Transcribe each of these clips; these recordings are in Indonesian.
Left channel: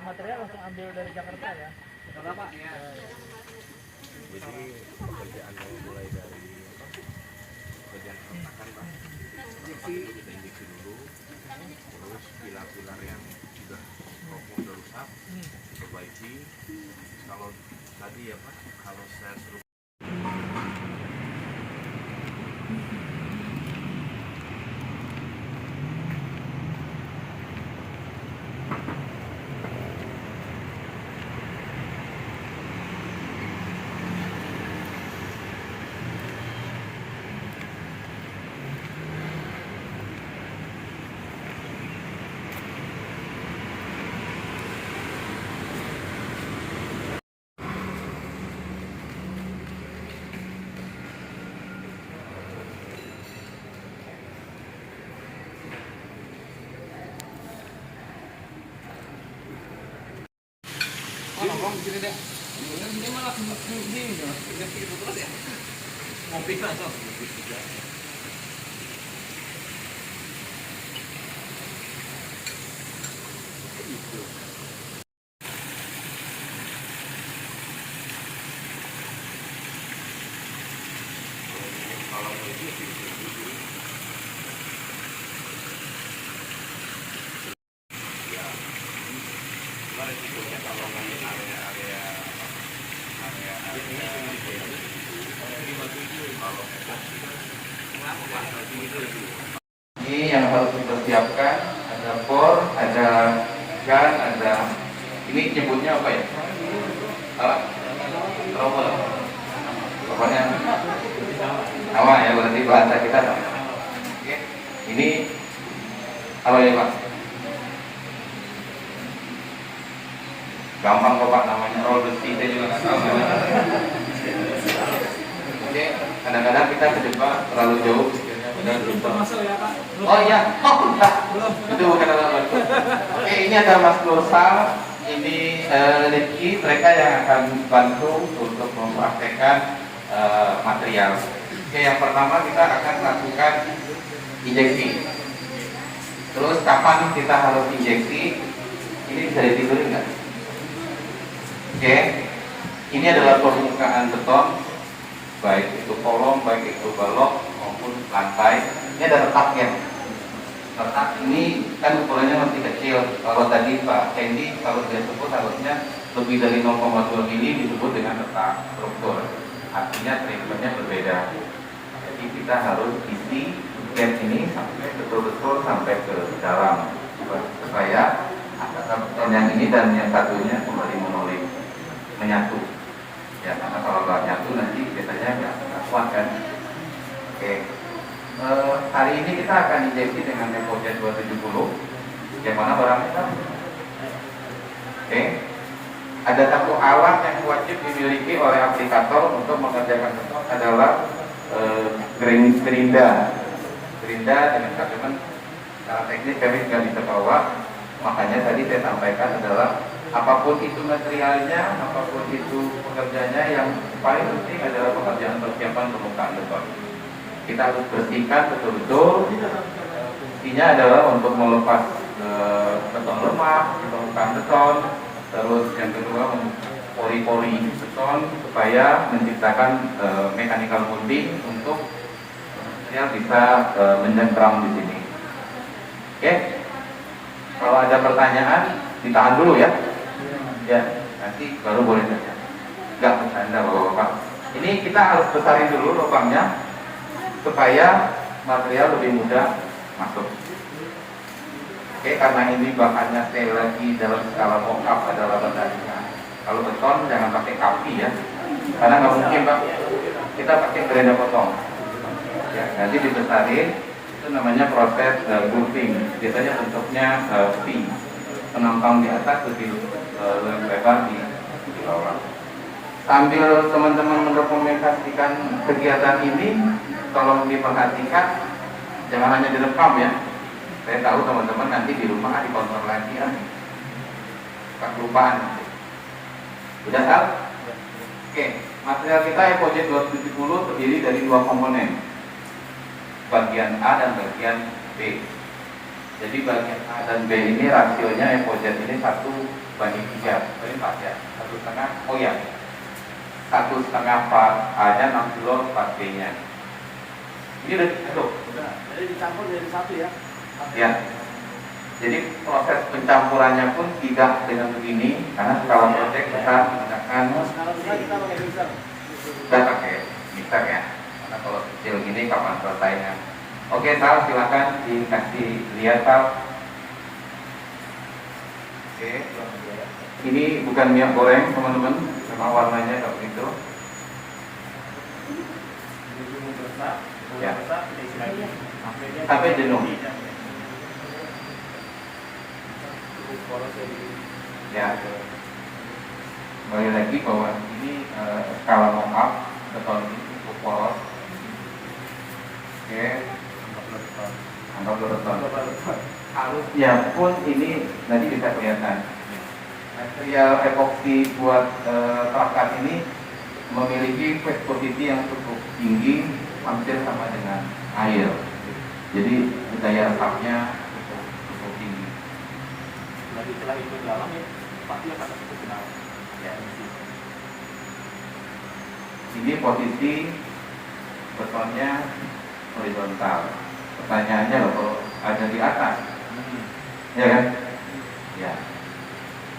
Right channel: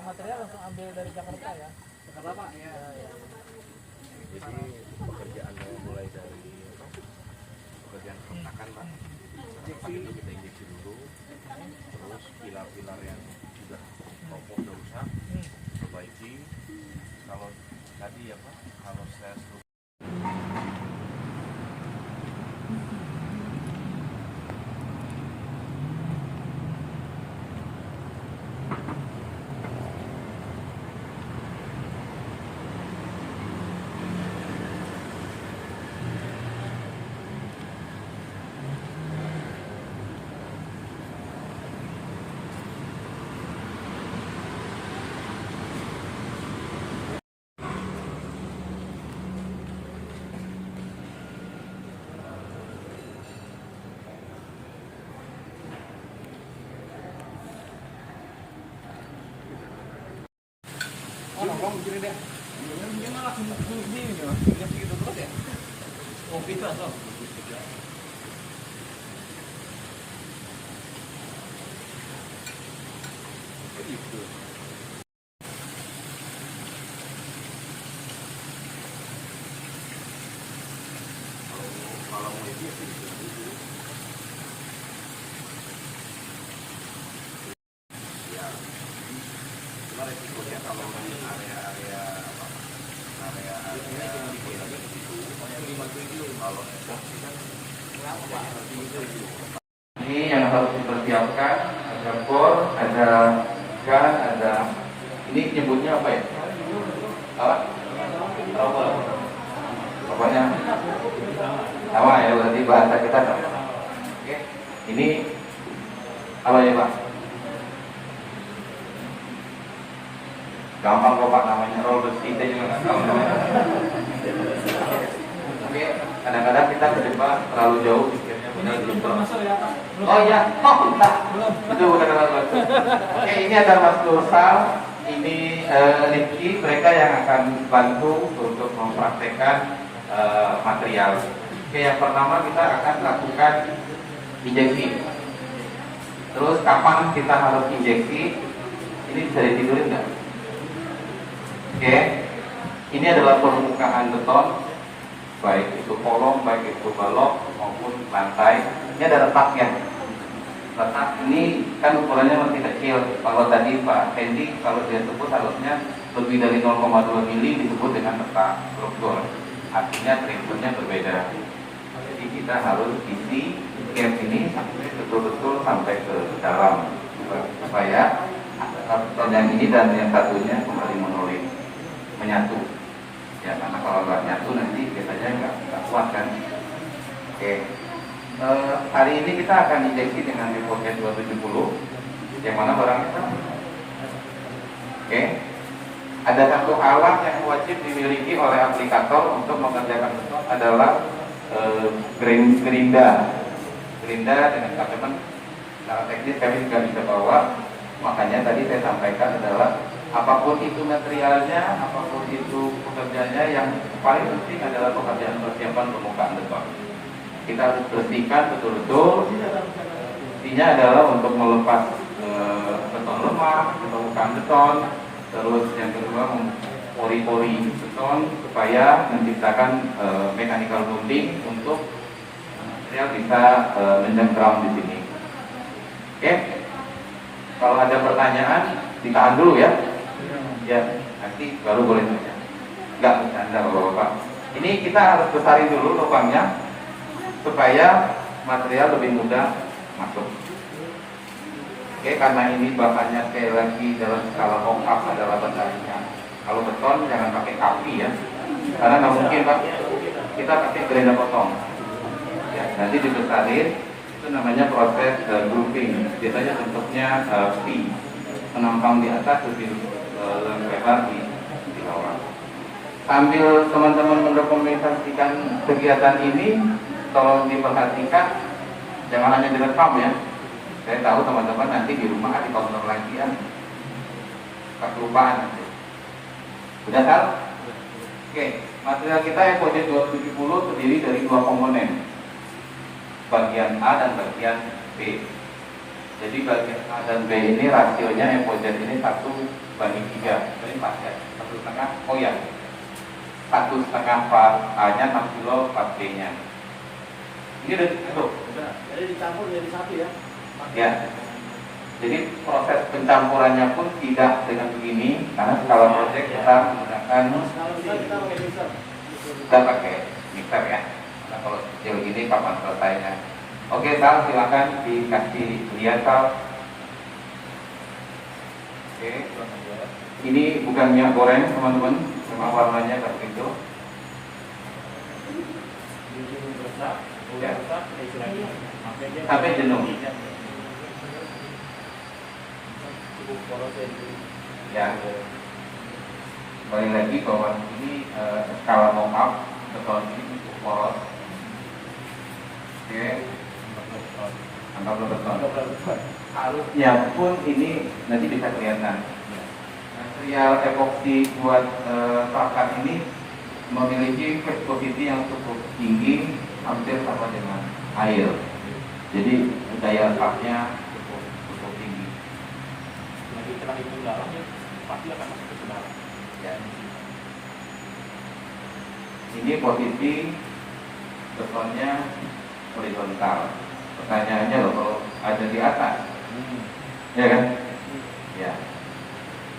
Material langsung ambil dari Jakarta ya? Kata Pak ya. Jadi pekerjaannya mulai dari pekerjaan keretakan Pak. Keretakan itu kita injeksi dulu, terus pilar-pilar yang sudah kokoh sudah rusak perbaiki. Kalau tadi ya Pak, kalau saya suruh Nongkrong di sini deh. Ini malah begini loh. Udah gitu terus ya. Ngopi aja. Itu. kalau mau itu ya dulu. Ya, cuma resikonya kalau di area kalau ini yang harus dipersiapkan, ada bor, ada gas, ada ini nyebutnya apa ya? Apa? Pokoknya sama ya, berarti bahasa kita sama. Oke. Ini apa ya Pak? Gampang kok Pak, namanya roll besi, saya juga nggak tahu. Oke, kadang-kadang kita ke depan terlalu jauh. Oh iya, itu bukan teman-teman. Oke, ini ada Mas Gosal, ini Rifki, mereka yang akan bantu untuk mempraktekkan material. Oke, yang pertama kita akan lakukan injeksi. Terus kapan kita harus injeksi? Ini bisa ditidurin nggak? Oke, ini adalah permukaan beton, baik itu kolom, baik itu balok maupun lantai. Ini ada retaknya. Retak ini kan ukurannya masih kecil. Kalau tadi Pak Hendy kalau dia sebut harusnya lebih dari 0,2 mili disebut dengan retak struktur. Artinya prinsipnya berbeda. Jadi kita harus isi gap ini sampai betul-betul sampai ke dalam supaya antara beton yang ini dan yang satunya kembali monolid, menyatu. Ya, karena kalau nggak nyatu nanti biasanya nggak kuat kan. Oke. Hari ini kita akan injeksi dengan metode 270. Yang mana barangnya Pak? Oke. Ada satu alat yang wajib dimiliki oleh aplikator untuk mengerjakan beton adalah gerinda. Gerinda dengan kabelnya secara teknis kami nggak bisa bawa. Makanya tadi saya sampaikan adalah apapun itu materialnya, apapun itu pekerjaannya, yang paling penting adalah pekerjaan persiapan permukaan beton. Kita harus bersihkan betul-betul. Fungsinya adalah untuk melepas beton lemah, permukaan beton. Terus yang kedua pori-pori beton supaya menciptakan mechanical bonding untuk material bisa mencengkram di sini. Oke, kalau ada pertanyaan ditahan dulu ya. Ya, nanti baru boleh tanya. Enggak bercanda Bapak-Bapak. Ini kita harus besarin dulu lubangnya supaya material lebih mudah masuk. Oke, karena ini bahannya sekali lagi dalam skala mock-up adalah bentanikan. Kalau beton jangan pakai kapi ya, karena nggak mungkin Pak. Kita pakai gerenda potong. Ya, nanti dibesarin, itu namanya proses grooving. Biasanya bentuknya V, penampang di atas lebih lebar di bawah. Sambil teman-teman mendokumentasikan kegiatan ini, tolong diperhatikan, jangan hanya direkam ya. Saya tahu teman-teman nanti di rumah dikontrol lagi ya, kelupaan. Sudah tahu? Oke, material kita EPOJ 270 terdiri dari dua komponen, bagian A dan bagian B. Jadi bagian A dan B ini rasionya EPOJ ini 1:3, ini pas ya, 1,5. Oh ya, 1,5 part A-nya 6 kilo, part B-nya. Ini udah, Jadi dicampur jadi satu ya. ya. Jadi proses pencampurannya pun tidak dengan begini, karena skala project kita menggunakan Kalau bisa kita pakai mixer. kita pakai mixer ya. Karena kalau kecil gini kapan selesainya? Oke, Sal, silakan dikasih lihat Sal. Oke, ini bukan minyak goreng teman-teman, cuma warnanya seperti itu. Ya. Sampai jenuh. Ya, kembali lagi bahwa ini skala mock-up beton ini cukup poros. Oke, anggap beton. Harusnya pun ini nanti bisa kelihatan. Material epoksi buat pakan ini memiliki viscosity yang cukup tinggi, hampir sama dengan air. Jadi daya resapnya cukup tinggi. Nanti setelah itu dalam ya pasti akan masuk ke dalam ya Ini posisi betonnya horizontal. Pertanyaannya loh, kalau ada di atas, ya kan? Ya.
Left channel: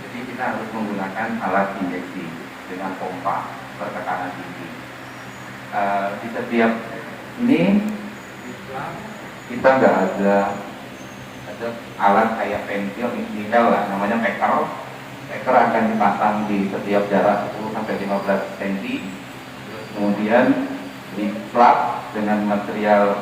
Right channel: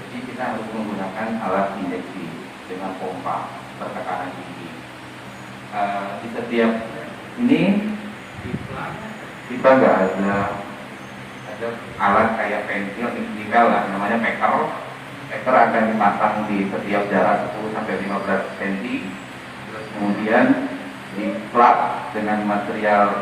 Jadi kita harus menggunakan alat injeksi dengan pompa bertekanan tinggi. Di setiap ini kita nggak ada alat kayak pensil, minimal lah, namanya peker. Peker akan dipasang di setiap jarak 10-15 cm, kemudian diplak dengan material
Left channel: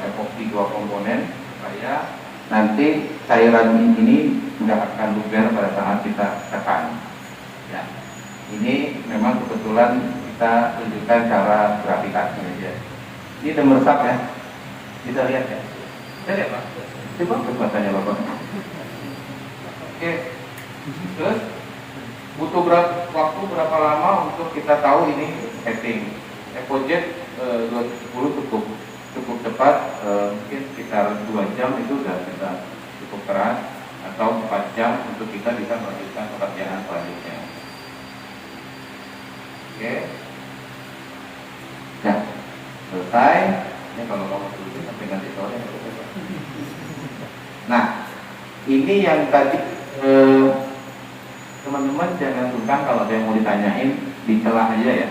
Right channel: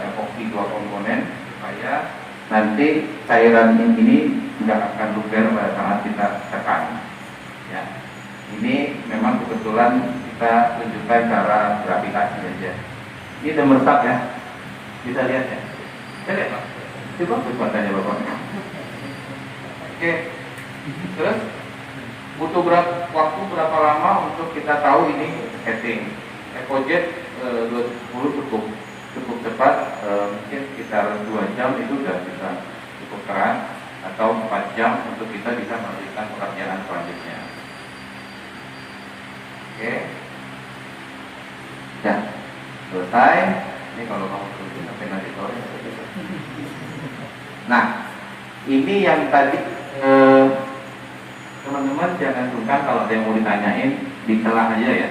epoksi 2 komponen supaya nanti cairan ini nggak akan luber pada saat kita tekan. Ya, ini memang kebetulan kita tunjukkan cara gravitasi aja. Ini udah meresap ya, bisa lihat ya. Lihat Pak. Coba buatannya Bapak. Oke. Terus butuh waktu berapa lama untuk kita tahu ini setting? EPOJ 210 cukup cepat, mungkin sekitar 2 jam itu sudah bisa cukup keras, atau 4 jam untuk kita bisa melanjutkan pekerjaan selanjutnya. Oke. Ya, selesai. Ini kalau kamu perlu sampai nanti sore. Nah, ini yang tadi teman-teman jangan sungkan kalau ada yang mau ditanyain, ditelah aja ya.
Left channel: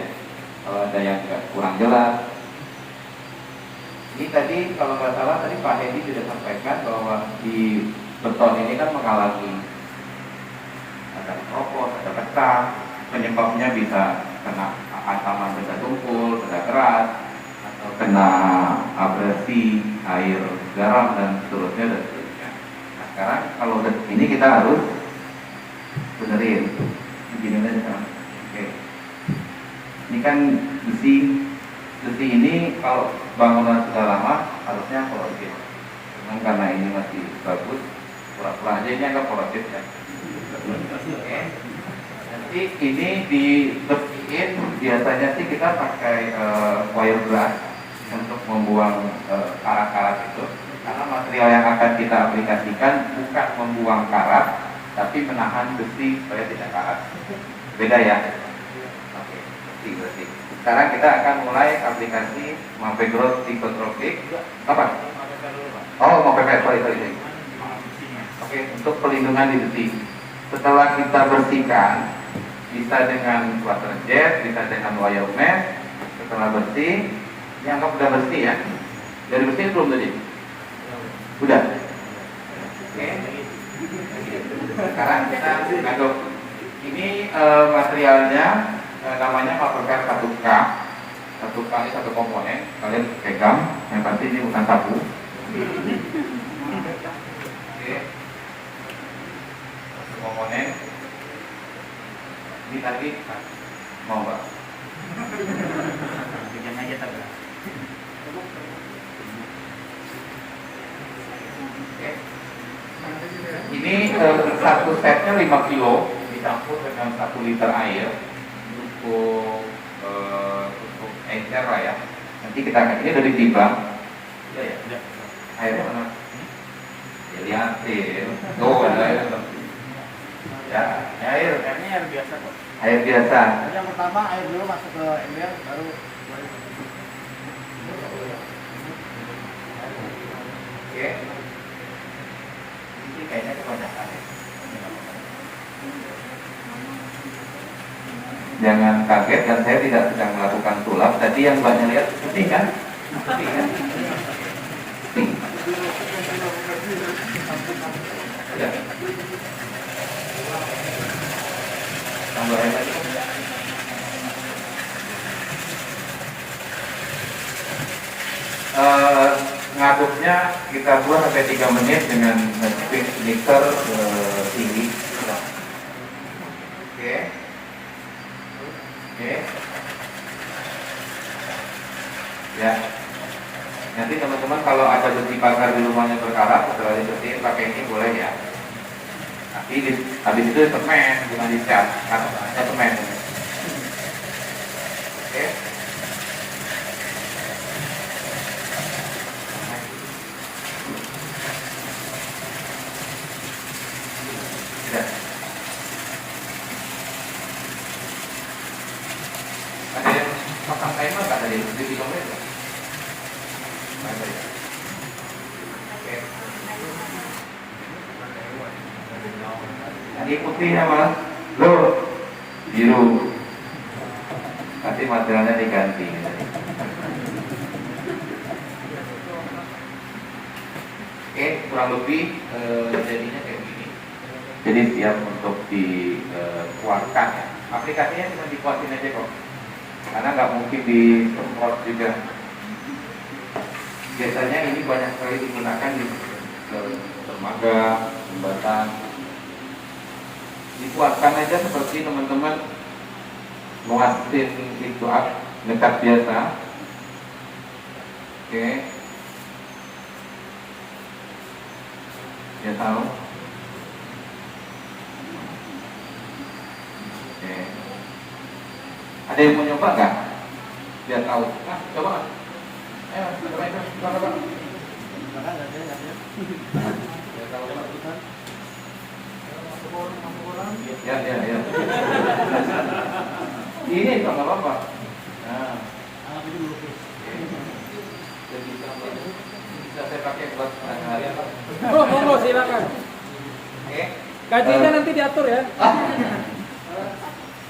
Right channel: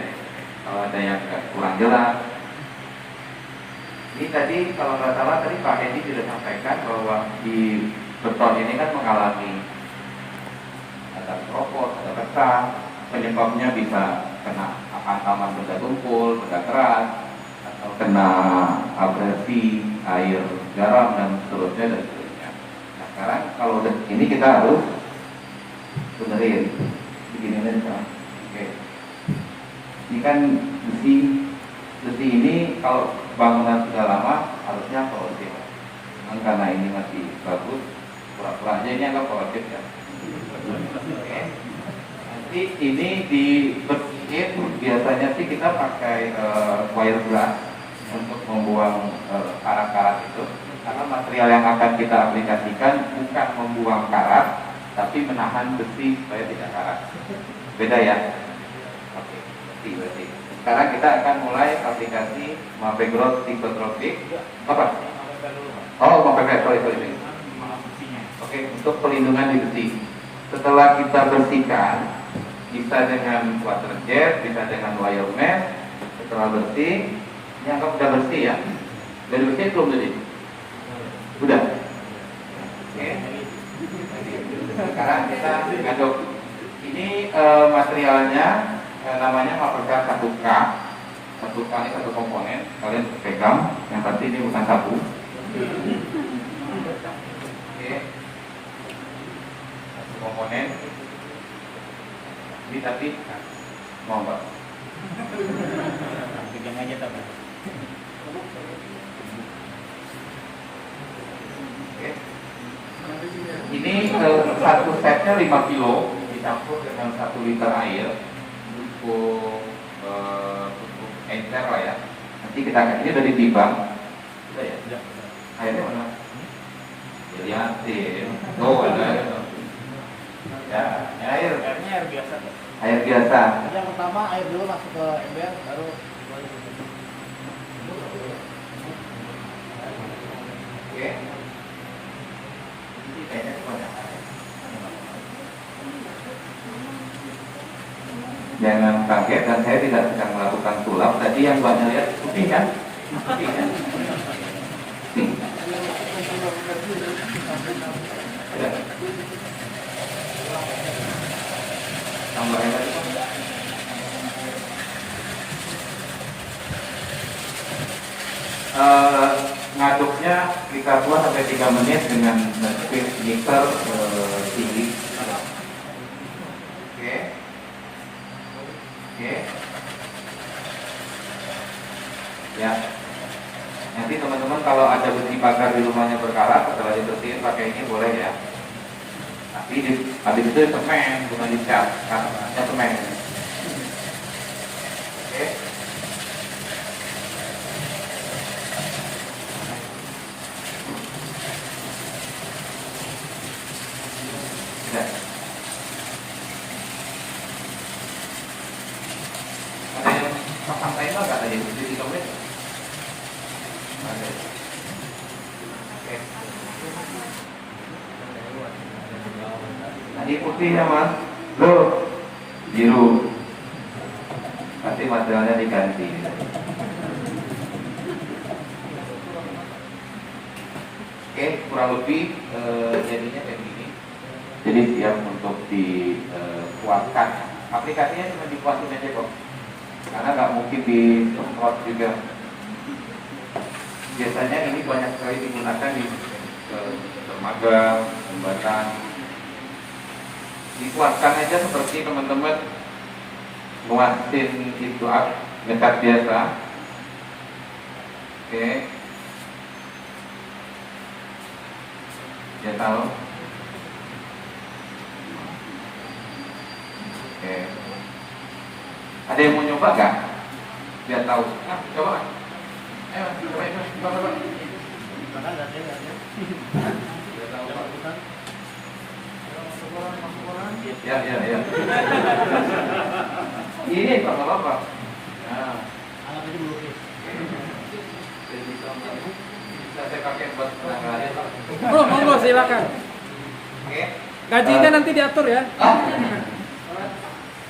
Kalau ada yang kurang jelas. Ini tadi kalau nggak salah tadi Pak Hedi sudah sampaikan bahwa di beton ini kan mengalami ada keropos, ada pecah, penyebabnya bisa kena hantaman benda tumpul, benda keras, atau kena abrasi, air, garam dan seterusnya. Sekarang kalau ini kita harus benerin begini aja. Oke. Ini kan besi ini kalau bangunan sudah lama harusnya korosif. Cuman karena ini masih bagus, pura-pura aja ini agak korosif ya. Oke. Nanti ini dibersihin, biasanya sih kita pakai wire brush untuk membuang karat-karat itu. Karena material yang akan kita aplikasikan bukan membuang karat, tapi menahan besi supaya tidak karat. Beda ya? Oke, berarti. Sekarang kita akan mulai aplikasi Mapegrowth Psikotropik. Apa? Oh, Mapegrowth, sorry. Oke, untuk pelindungan di besi. Setelah kita bersihkan, bisa dengan water jet, bisa dengan wire mesh. Setelah bersih, ini anggap udah bersih ya. Udah bersih belum tadi? Udah. Oke. Sekarang kita ngaduk. Ini materialnya namanya paprika 1K. 1K ini satu komponen. Kalian pegang. Yang pasti ini bukan sabu. Oke. Satu komponen. Ini tadi mau nggak? Bikin aja tapi. Oke. Ini satu setnya 5 kilo dicampur dengan 1 liter air cukup encer lah ya. Nanti kita ini udah ditimbang. Udah ya? Udah. Airnya mana? Ya lihatin. Oh ada air. Ya, air. Airnya air biasa kok. Air biasa. Yang pertama air dulu masuk ke ember, baru Oke. Ini kayaknya kebanyakan. Jangan kaget dan saya tidak sedang melakukan sulap. Tadi yang banyak lihat putih kan? Putih kan? Putih. Udah. Tambahin lagi. Ngaduknya kita buat sampai 3 menit dengan speed mixer tinggi. Oke. Oke. Ya. Nanti teman-teman kalau ada besi bakar di rumahnya berkarat, setelah dibersihin pakai ini boleh ya. Tapi habis itu semen, bukan dicat, karena semen. Oke. Ya. Ada yang makan kain nggak tadi di komen? Ada. Oke. Tadi putihnya mas, loh biru. Nanti materialnya diganti. Oke, kurang lebih jadinya kayak begini. Jadi siap untuk dikuatkan. Aplikasinya cuma dikuatin aja kok, karena nggak mungkin disemprot juga. Biasanya ini banyak sekali digunakan di dermaga, jembatan. Dikuatkan aja seperti teman-teman nguatin itu dekat biasa. Oke. Ya tahu. Oke. Ada yang mau nyoba nggak? Biar tahu. Ah, coba. Ayo, coba. Bahkan nggak ada. Biar tahu. Bukan. Ya. Ini sama bapak. Nah, Anggap aja melukis. jadi bisa saya pakai buat hari. Bro, monggo silakan. Oke. Gajinya nanti diatur ya.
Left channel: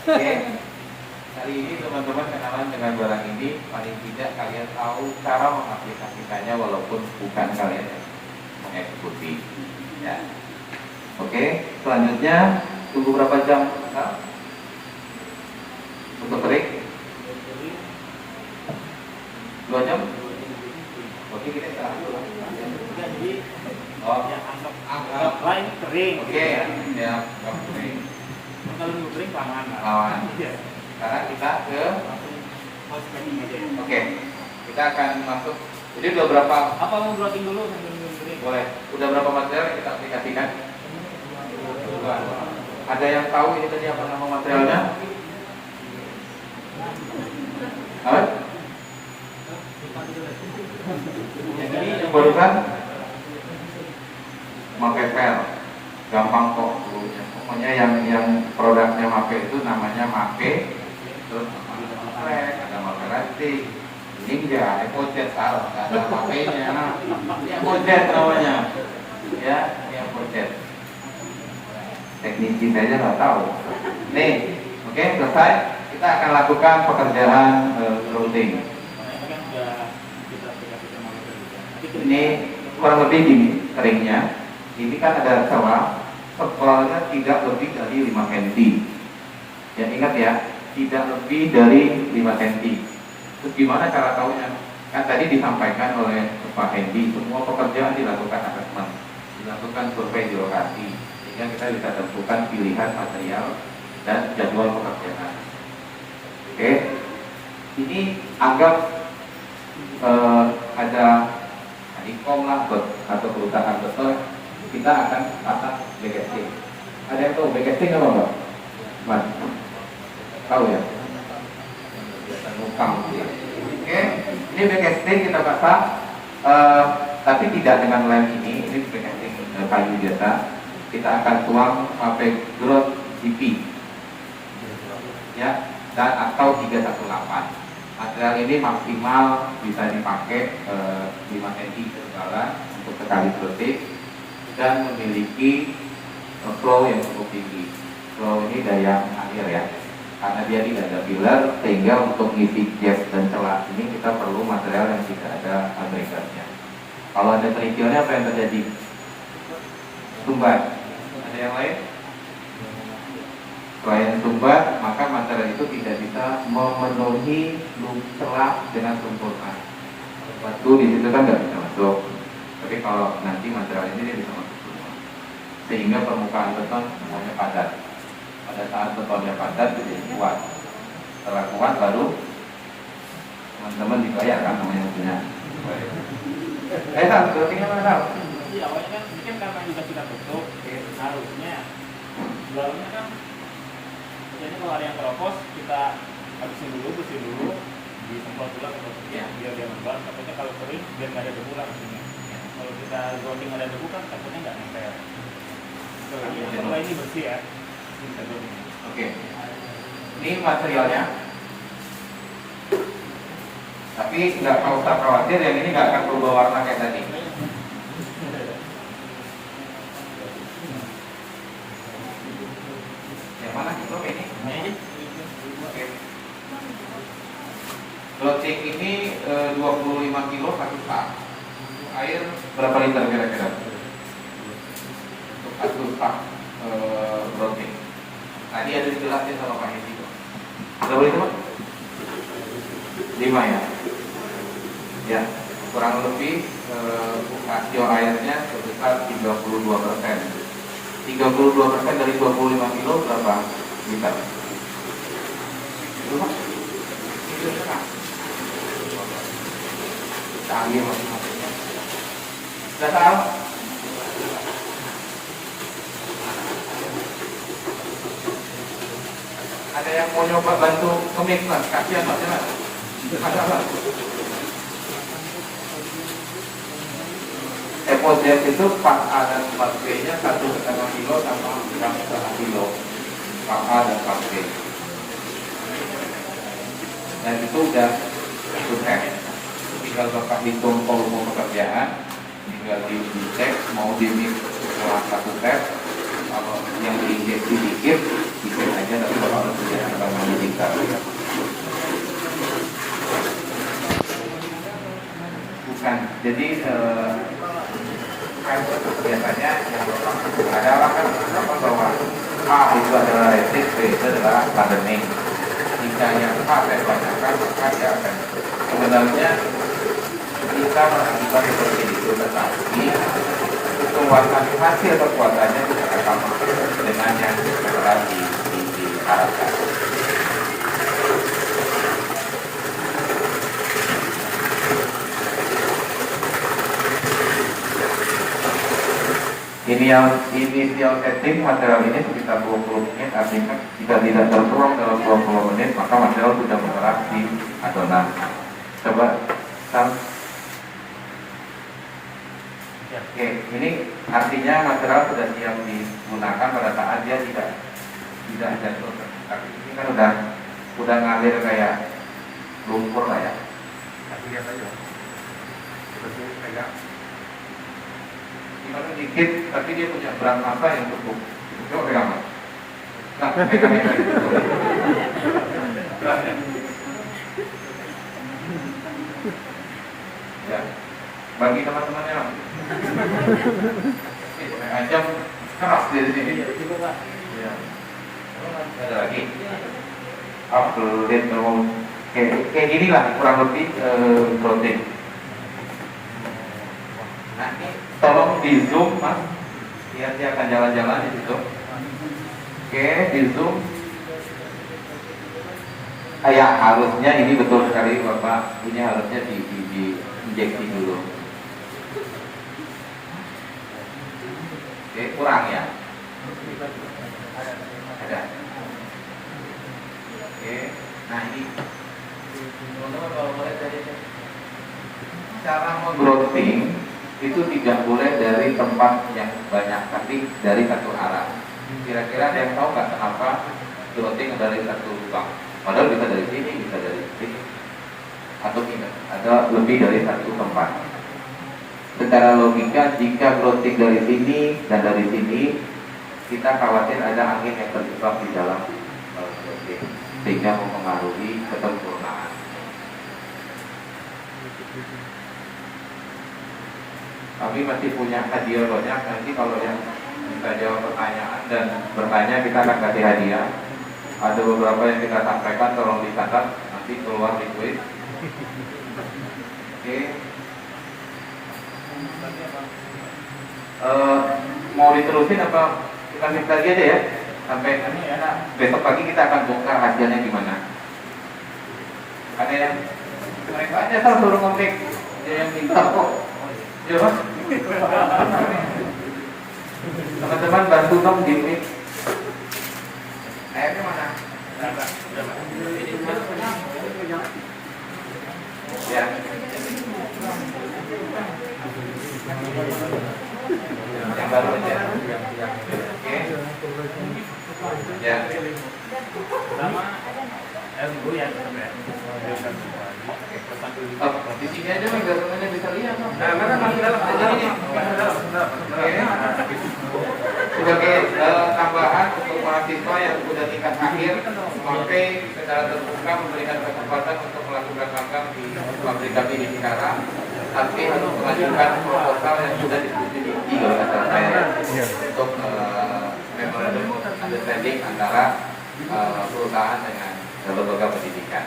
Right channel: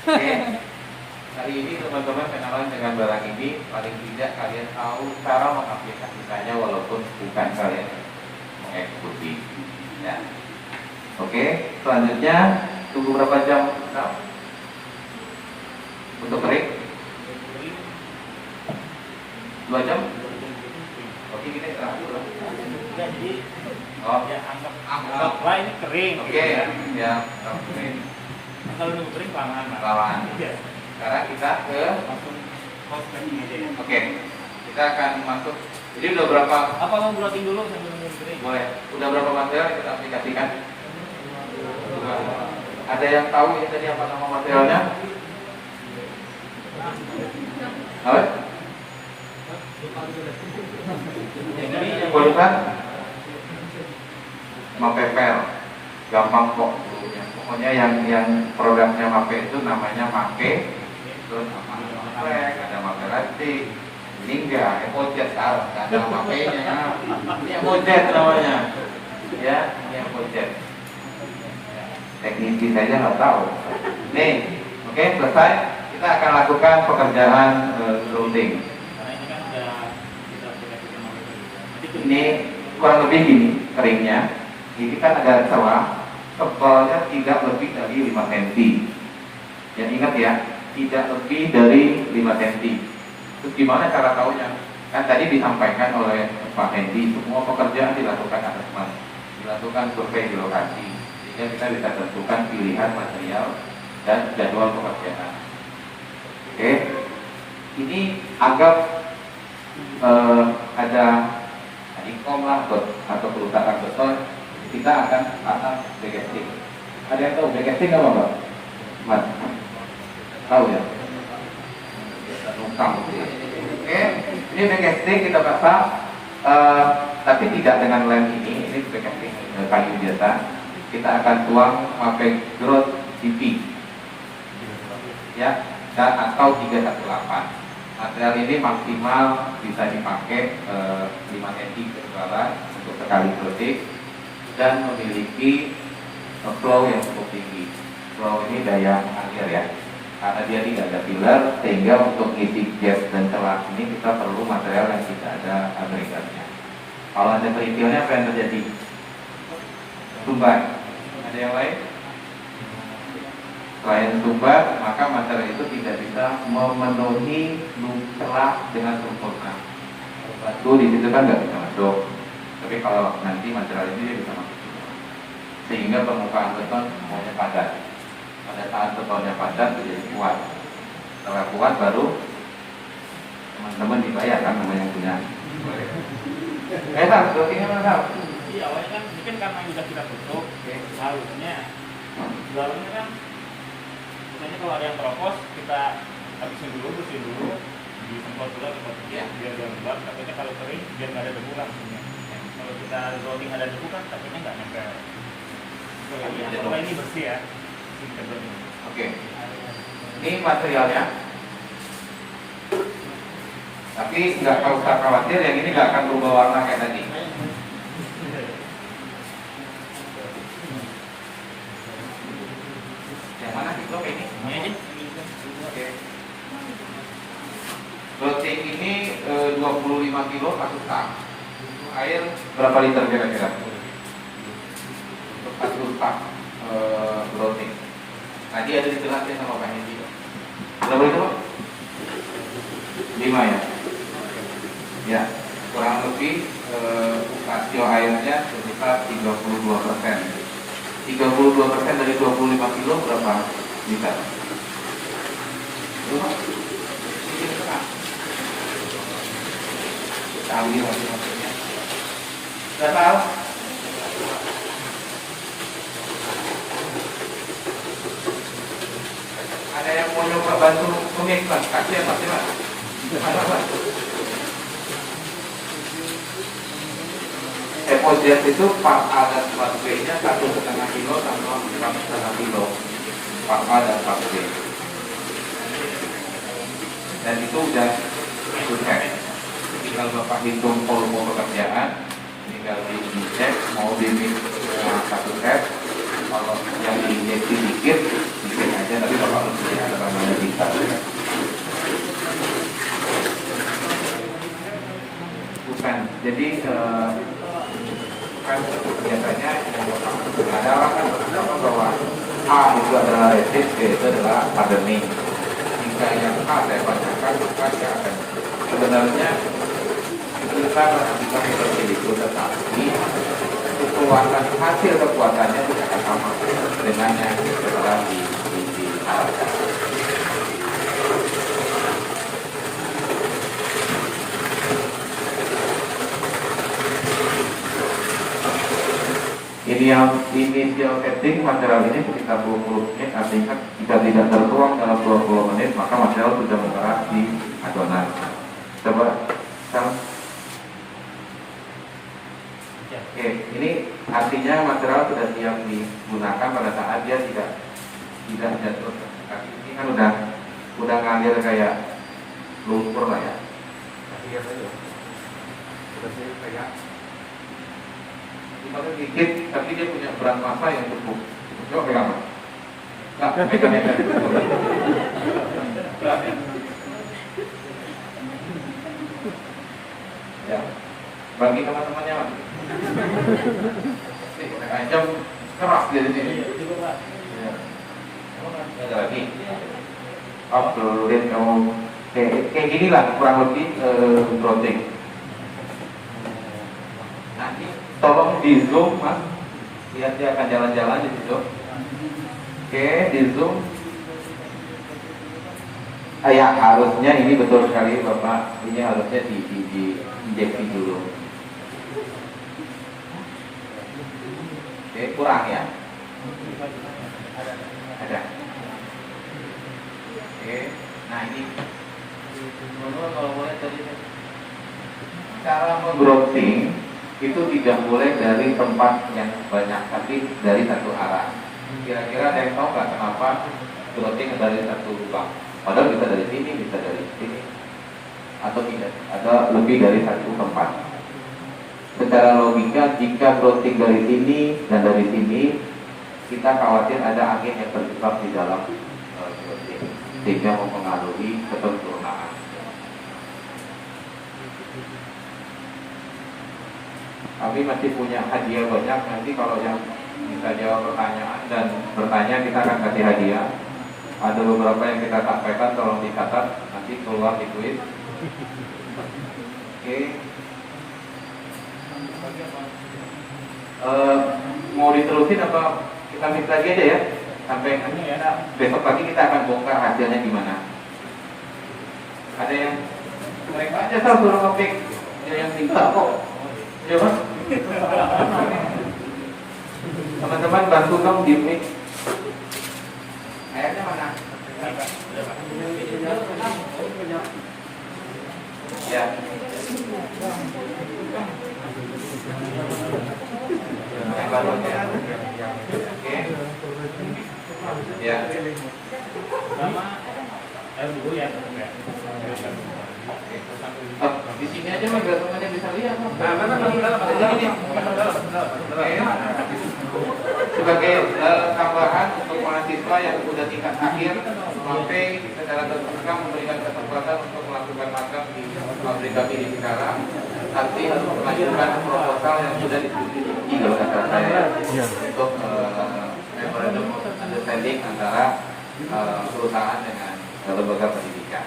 Oke. Hari ini teman-teman kenalan dengan barang ini, paling tidak kalian tahu cara mengaplikasikannya walaupun bukan kalian yang mengeksekusi. Ya. Oke, selanjutnya tunggu berapa jam? Untuk kering? 2 jam? Oke, kita istirahat lah. Jadi Oh, ya anggap lah ini kering. oke ya, kering. Kalau nunggu kering kelamaan lah. Lawan. Iya. Sekarang kita ke, Langsung post packing aja ya. oke, kita akan masuk. Jadi udah berapa? Apa mau blocking dulu sambil nunggu kering? Boleh. Udah berapa material yang kita aplikasikan? Ada yang tahu ini tadi apa nama materialnya? Apa? Yang barusan pakai pel, gampang kok. Pokoknya yang produknya HP itu namanya Make, terus ada Maserati. Ini enggak, Evojet salah, nggak ada HP-nya. Ini Evojet namanya, ya, ini Evojet. Teknisi saja nggak tahu. Nih, Oke, selesai. Kita akan lakukan pekerjaan routing. Karena itu kan udah kita sudah mau juga. Nanti Ini kurang lebih gini keringnya. Ini kan ada celah, tebalnya tidak lebih dari 5 cm. Ya ingat ya, tidak lebih dari 5 cm. Terus gimana cara tahunya? Kan tadi disampaikan oleh Pak Hendy, semua pekerjaan dilakukan assessment, dilakukan survei di lokasi, sehingga kita bisa tentukan pilihan material dan jadwal pekerjaan. Oke, ini anggap ada ikom lah atau perusahaan beton, kita akan atas backcasting. Ada yang tahu backcasting apa Mbak? Mas, tahu ya? Biasa nukang. Oke, ini backcasting kita pasang, tapi tidak dengan lem ini backcasting kayu biasa. Kita akan tuang pakai grout PP, ya, dan atau 318. Material ini maksimal bisa dipakai 5 cm ketebalan untuk sekali peletik dan memiliki flow yang cukup tinggi. Flow ini daya air ya, karena dia tidak ada filler, sehingga untuk ngisi gap dan celah ini kita perlu material yang tidak ada agregatnya. Kalau ada kerikilnya apa yang terjadi? Tumbat. Ada yang lain? Selain tumbat, maka material itu tidak bisa memenuhi celah dengan sempurna. Batu di situ kan tidak bisa masuk. Tapi kalau nanti material ini dia bisa masuk semua. Sehingga permukaan beton semuanya padat. Pada saat betonnya padat itu jadi kuat. Setelah kuat baru teman-teman dibayar kan namanya punya. Sam, routingnya mana Sam? Iya, awalnya kan ini kan karena sudah kita tutup, harusnya dalamnya kan biasanya kalau ada yang keropos kita habisin dulu, bersihin dulu, disemprot dulu atau sedikit biar dia lembab. Takutnya kalau kering biar nggak ada debu lah maksudnya. Kalau kita routing ada debu kan takutnya nggak nempel. Setelah ini bersih ya, kita routing. Oke, ini materialnya. Tapi nggak usah khawatir, yang ini nggak akan berubah warna kayak tadi. Yang mana? Oke, ini. Oke. Routing ini 25 kilo satu tak. Air berapa liter kira-kira? Untuk satu tak routing. Tadi ada dijelasin sama Pak Hendy. Berapa itu? 5 ya. Ya, kurang lebih rasio airnya sekitar 32%. 32% dari 25 kilo berapa liter? Kali masing-masing. Sudah tahu? Ada yang mau nyoba bantu komik Mas? Kasihan Mas, ya? Ada Mas? Emodiat itu Pak A dan Pak B nya 1,5 kilo sama 1,5 kilo. Pak A dan Pak B. Dan itu udah sukses. Tinggal Bapak hitung volume pekerjaan, tinggal dicek mau dimix setelah satu tes. Kalau yang diinjeksi dikit, dikit aja, tapi kalau lebih ada namanya bisa. Bukan, jadi kan biasanya yang ada kan bahwa A itu adalah resist, B itu adalah hardening. Jika yang A saya bacakan, maka dia akan sebenarnya kita bisa seperti itu, tetapi kekuatan hasil kekuatannya tidak akan sama dengan yang telah diharapkan. Ini yang initial setting material ini sekitar 20 menit, artinya jika tidak tertuang dalam 20 menit maka material sudah menyerap di adonan. Coba Sam. Oke, ini artinya material sudah siap digunakan pada saat dia tidak jatuh. Ini kan udah ngalir kayak lumpur lah ya. Tapi lihat aja, seperti kayak kalau dikit, tapi dia punya berat massa yang cukup. Coba pegang. Nah, pegang. Ya. Bagi teman-temannya. Ancam keras dari sini. Ya. Ada lagi. Upload kayak gini lah kurang lebih protein. Nanti tolong di zoom mas, lihat dia akan jalan-jalan di situ. Oke, di zoom. Ya harusnya ini betul sekali Bapak, ini harusnya di injeksi dulu. Oke, kurang ya? Ada. Oke, nah ini kalau boleh dari cara menggrowing itu tidak boleh dari tempat yang banyak, tapi dari satu arah. Kira-kira ada yang tahu nggak kenapa growing dari satu lubang? Padahal bisa dari sini, bisa dari sini, atau tidak, ada lebih dari satu tempat. Secara logika, jika growing dari sini dan dari sini, kita khawatir ada angin yang terjebak di dalam sehingga mempengaruhi kesempurnaan. Kami masih punya hadiah banyak. Nanti kalau yang bisa jawab pertanyaan dan bertanya, kita akan kasih hadiah. Ada beberapa yang kita sampaikan, tolong dicatat, nanti keluar di kuis. Oke. Mau diterusin atau kita mix lagi aja ya? Sampai besok pagi kita akan bongkar hasilnya gimana. Ada yang mereka aja suruh ngetik, ada yang minta kok. Coba. Teman-teman bantu dong di mix. Airnya mana? Ya. Yang baru aja. Oke. Ya. Sama air dulu ya. Di sini aja mas, gak semuanya bisa lihat. Nah, kan masuk dalam, Sebagai tambahan untuk mahasiswa yang sudah tingkat akhir, sampai secara terbuka memberikan kesempatan untuk melakukan magang di aplikasi di sekarang. Nanti mengajukan proposal yang sudah diskusi di kalau kata saya untuk memorandum understanding antara perusahaan dengan lembaga pendidikan.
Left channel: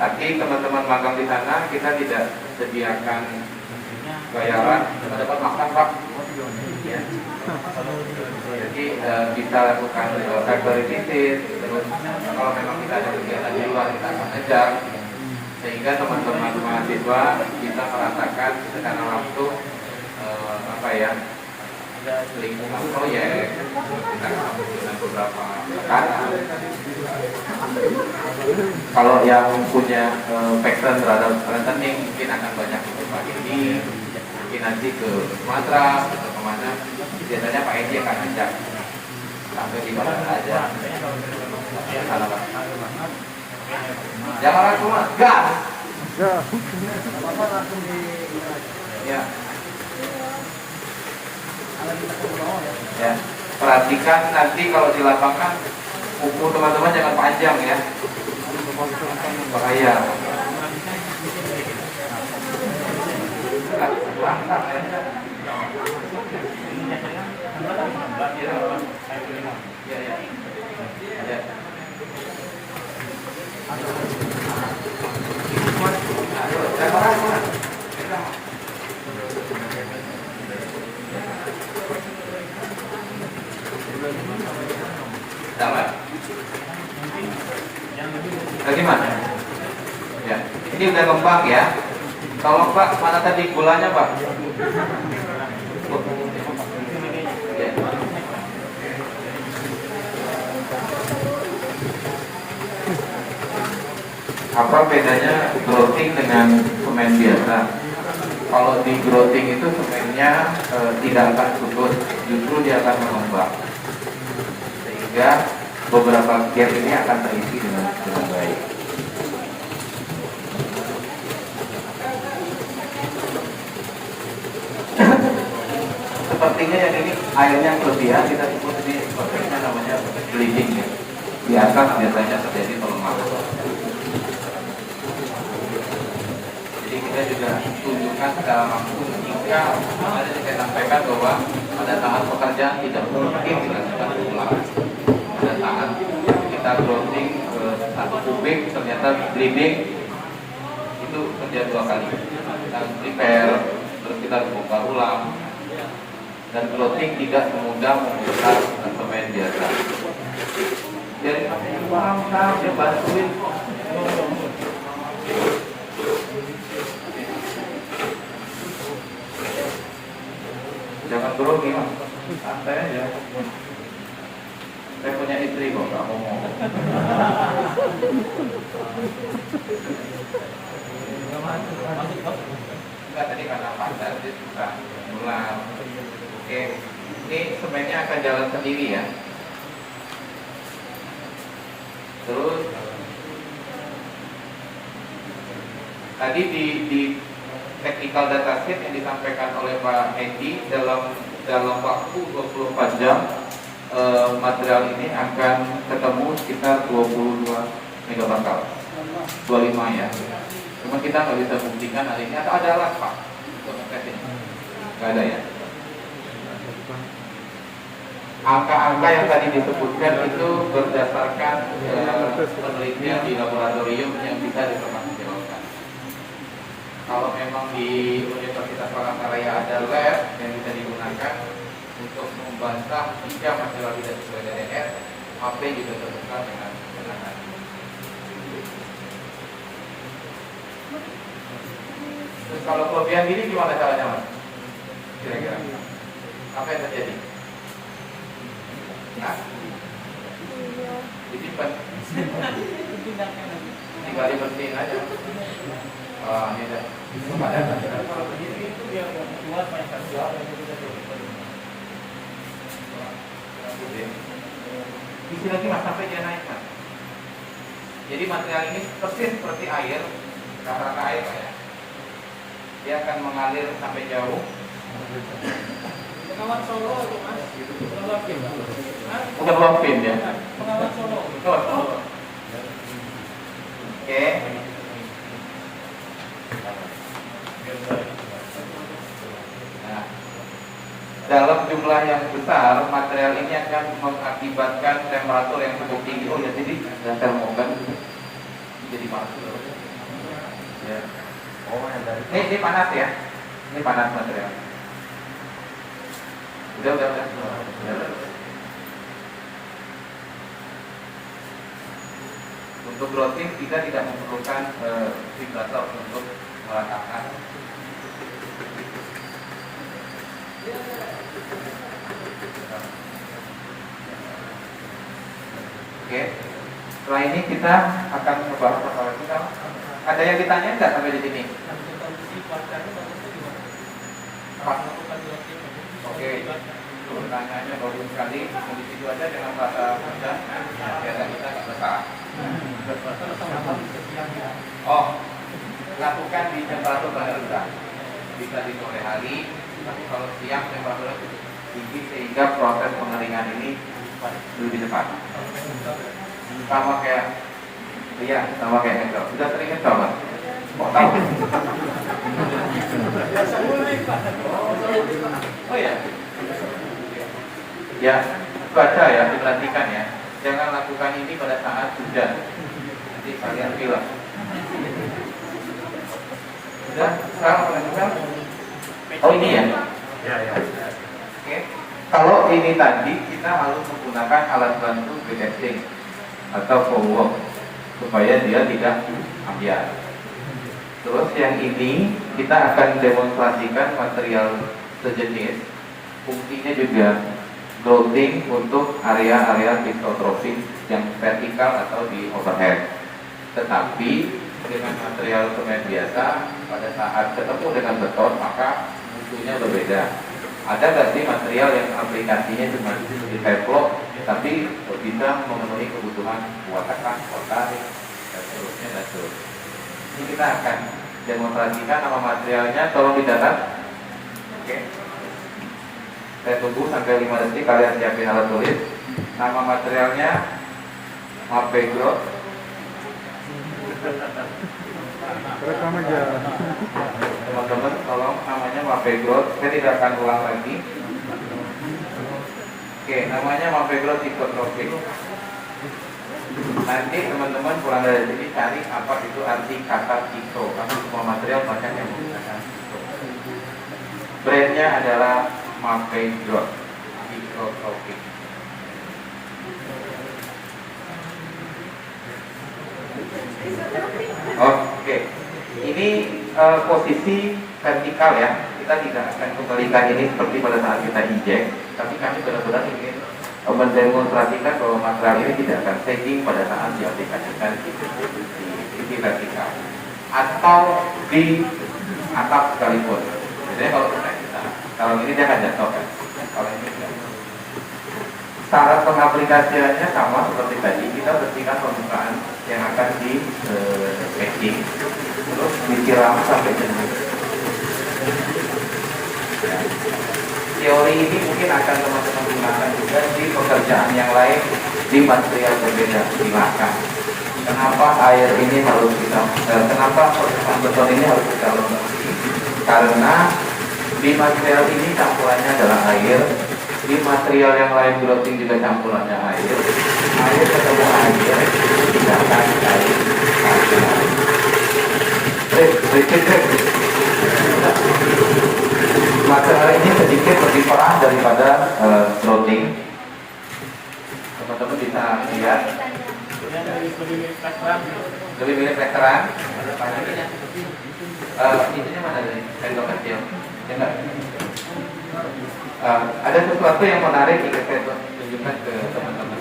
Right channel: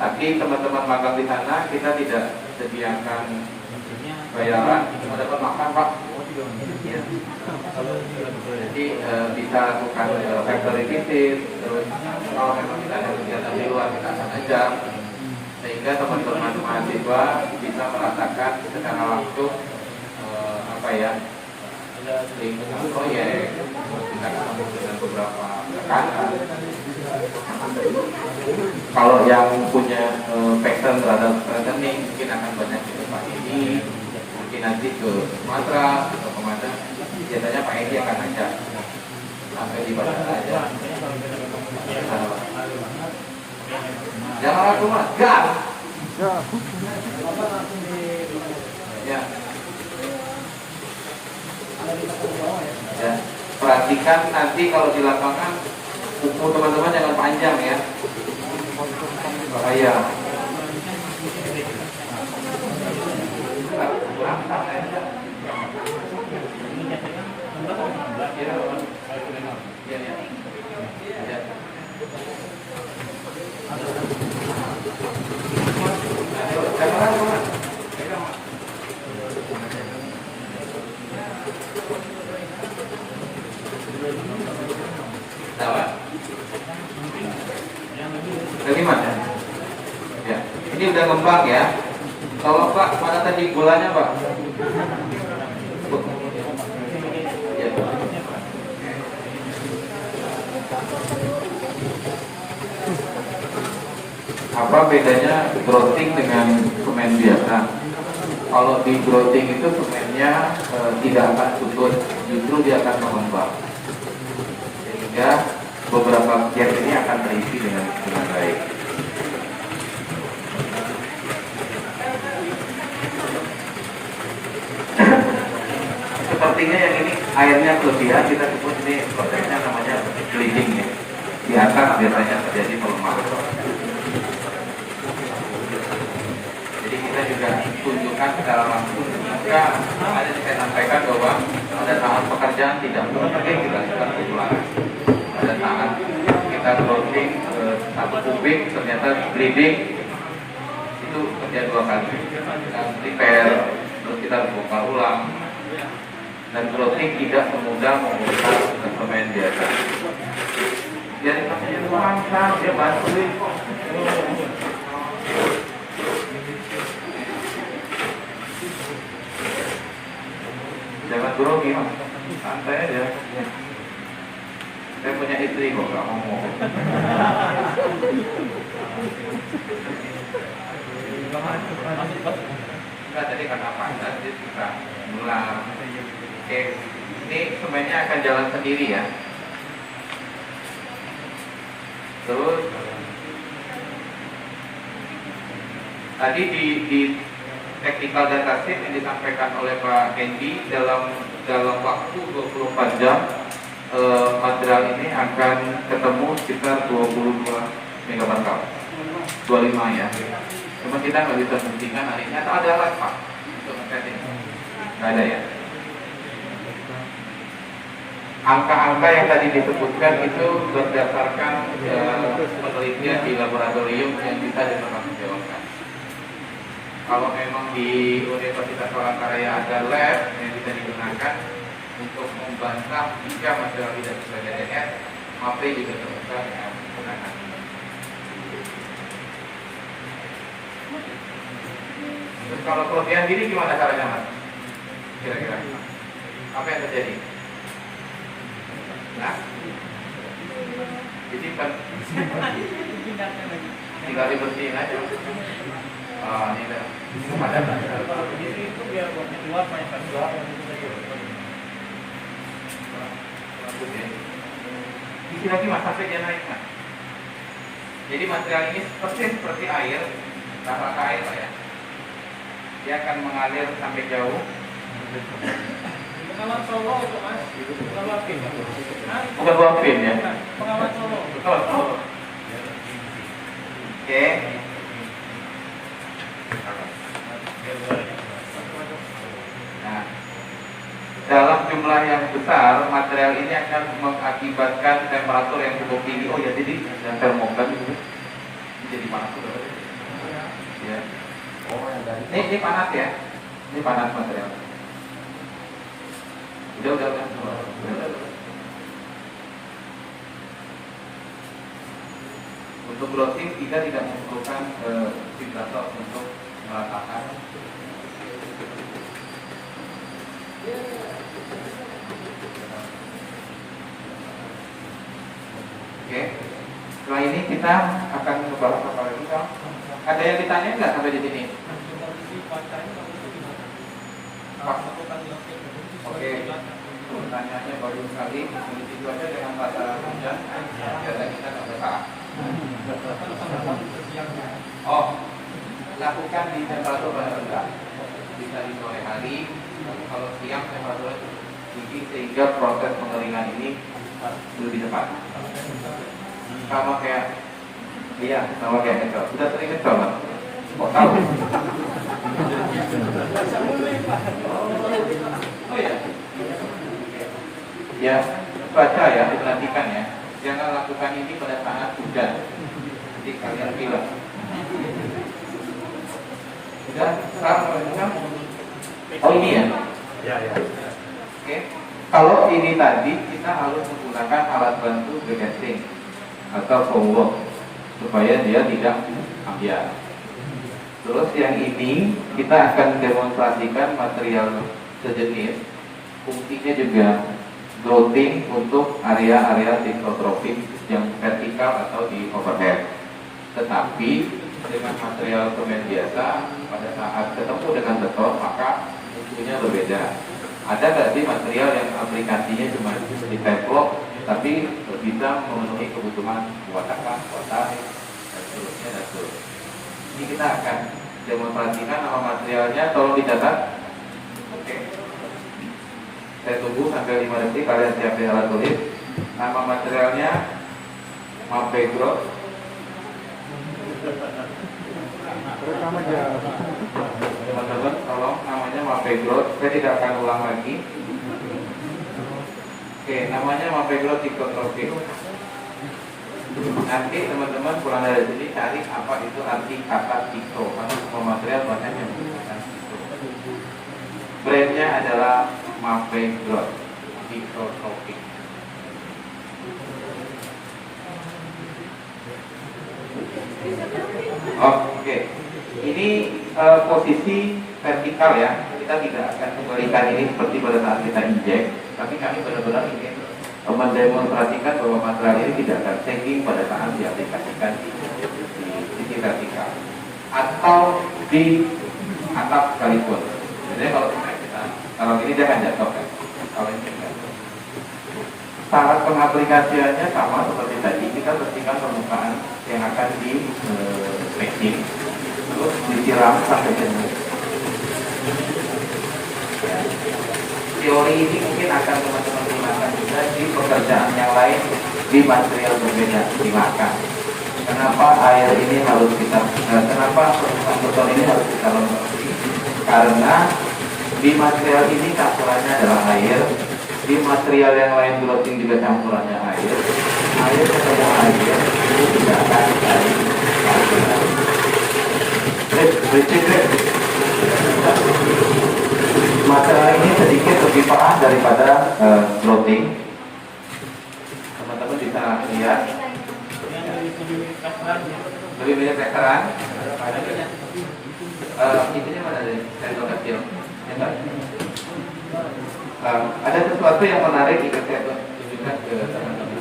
Tapi teman-teman magang di sana kita tidak sediakan bayaran, kita dapat makan Pak. Jadi bisa lakukan factory visit, terus kalau memang kita ada kegiatan di luar kita akan ajak, sehingga teman-teman mahasiswa bisa merasakan secara langsung lingkungan proyek, kita ketemu dengan beberapa rekan. Kalau yang punya passion terhadap rentening mungkin akan banyak di tempat ini, mungkin nanti ke Sumatera atau kemana. Biasanya Pak Edi akan ajak sampai di mana aja. Jangan ragu mas, gas. Ya. Ya, perhatikan nanti kalau di lapangan kuku teman-teman jangan panjang ya, bahaya. Tadi mana? Ya, ini udah ngembang ya. Kalau Pak, mana tadi gulanya Pak? Apa bedanya growing dengan semen biasa? Kalau di growing itu semennya tidak akan subur, justru dia akan mengembang, sehingga beberapa gap ini akan terisi dengan baik. Sepertinya yang ini airnya kelebihan, kita sebut ini prosesnya namanya bleeding ya. Di atas biasanya terjadi pelemahan. panjang tidak mungkin dilakukan ulang. Pada saat kita growing 1 kubik ternyata bleeding itu terjadi 2 kali. Kita prepare, terus kita bongkar ulang, dan growing tidak semudah membuka suplemen biasa. Jadi dia bantuin. Jangan grogi mas, santai aja. Saya punya istri kok, gak ngomong. Enggak, tadi karena panas, dia suka ngulang. Oke, ini sebenarnya akan jalan sendiri ya. Terus tadi di technical data sheet yang disampaikan oleh Pak Hendy dalam waktu 24 jam material ini akan ketemu sekitar 22 megapascal, 25 ya. Cuma kita nggak bisa buktikan hari ini atau ada alat Pak untuk ngetes ini? Nggak ada ya. Angka-angka yang tadi disebutkan itu berdasarkan penelitian di laboratorium yang bisa dipertanggungjawabkan. Kalau memang di Universitas Palangkaraya ada lab yang bisa digunakan untuk membantah jika material tidak sesuai DDS, HP juga terbuka dengan kewenangan. Terus kalau protein diri gimana caranya mas? Kira-kira apa yang terjadi? Nah, jadi tinggal dibersihin aja. Ini deh. Kalau berdiri itu biar keluar banyak keluar itu saja. Isi lagi mas sampai dia naik mas. Jadi material ini persis seperti air, cara air ya. Dia akan mengalir sampai jauh. Pengawat Solo itu mas, pengawat film. Bukan buah film ya. Pengawat Solo. Oh. Oke. Nah, dalam jumlah yang besar, material ini akan mengakibatkan temperatur yang cukup tinggi. Oh ya, jadi termogan gitu. Jadi masuk. Ya. Oh, ini panas ya. Ini panas material. Udah. Untuk growing kita tidak memerlukan vibrator untuk merasakan. Oke. Setelah ini kita akan membahas apa lagi? Ada yang ditanya nggak sampai di sini? Oke. Pertanyaannya baru sekali. Kondisi cuaca dengan rata hujan. Biasa kita nggak besar. Oh, lakukan di temperatur rendah. Bisa di sore hari, tapi kalau siang temperaturnya tinggi sehingga proses pengeringan ini lebih cepat. Sama kayak Excel. Sudah sering Excel Pak? Mau tahu? Oh ya. Ya, cuaca ya, diperhatikan ya. Jangan lakukan ini pada saat hujan. Nanti kalian bilang. Sudah, sekarang menunjukkan. Oh ini ya? Ya. Oke. Kalau ini tadi kita harus menggunakan alat bantu de-gassing atau follow supaya dia tidak ambiar. Terus yang ini kita akan demonstrasikan material sejenis. Fungsinya juga growing untuk area-area phytotropic yang vertikal atau di overhead. Tetapi dengan material semen biasa pada saat ketemu dengan beton maka musuhnya berbeda. Ada nggak sih material yang aplikasinya cuma di teflon tapi bisa memenuhi kebutuhan watakan, kotarik, dan seterusnya. Ini kita akan demonstrasikan nama materialnya, tolong dicatat. Oke. Saya tunggu sampai 5 detik, kalian siapin alat tulis. Nama materialnya Mapegrot. Teman-teman, tolong namanya Mapegrot. Saya tidak akan ulang lagi. Oke, namanya Mapegro psikotropik. Nanti teman-teman pulang dari sini cari apa itu arti kata psiko. Karena semua material banyak yang menggunakan psiko. Brandnya adalah Mapegro psikotropik. Oke, ini posisi vertikal ya. Kita tidak akan kembalikan ini seperti pada saat kita injek, tapi kami benar-benar ingin mendemonstrasikan bahwa material ini tidak akan sagging pada saat diaplikasikan di sisi vertikal atau di atap sekalipun. Jadi kalau ini dia akan jatuh kan. Kalau ini jatuh. Cara pengaplikasiannya sama seperti tadi, kita bersihkan permukaan yang akan di packing, terus disiram sampai sini. Teori ini mungkin akan teman-teman gunakan juga di pekerjaan yang lain di material berbeda. Silakan. Kenapa air ini harus kita, kenapa proses beton ini harus kita lembabkan? Karena di material ini campurannya adalah air. Di material yang lain grouting juga campurannya air. Air ketemu air itu tidak akan air. Material ini sedikit lebih parah daripada grouting. Teman-teman bisa lihat. Lebih mirip plesteran. Intinya mana ini? Sendok kecil. Ada sesuatu yang menarik yang saya tunjukkan ke teman-teman.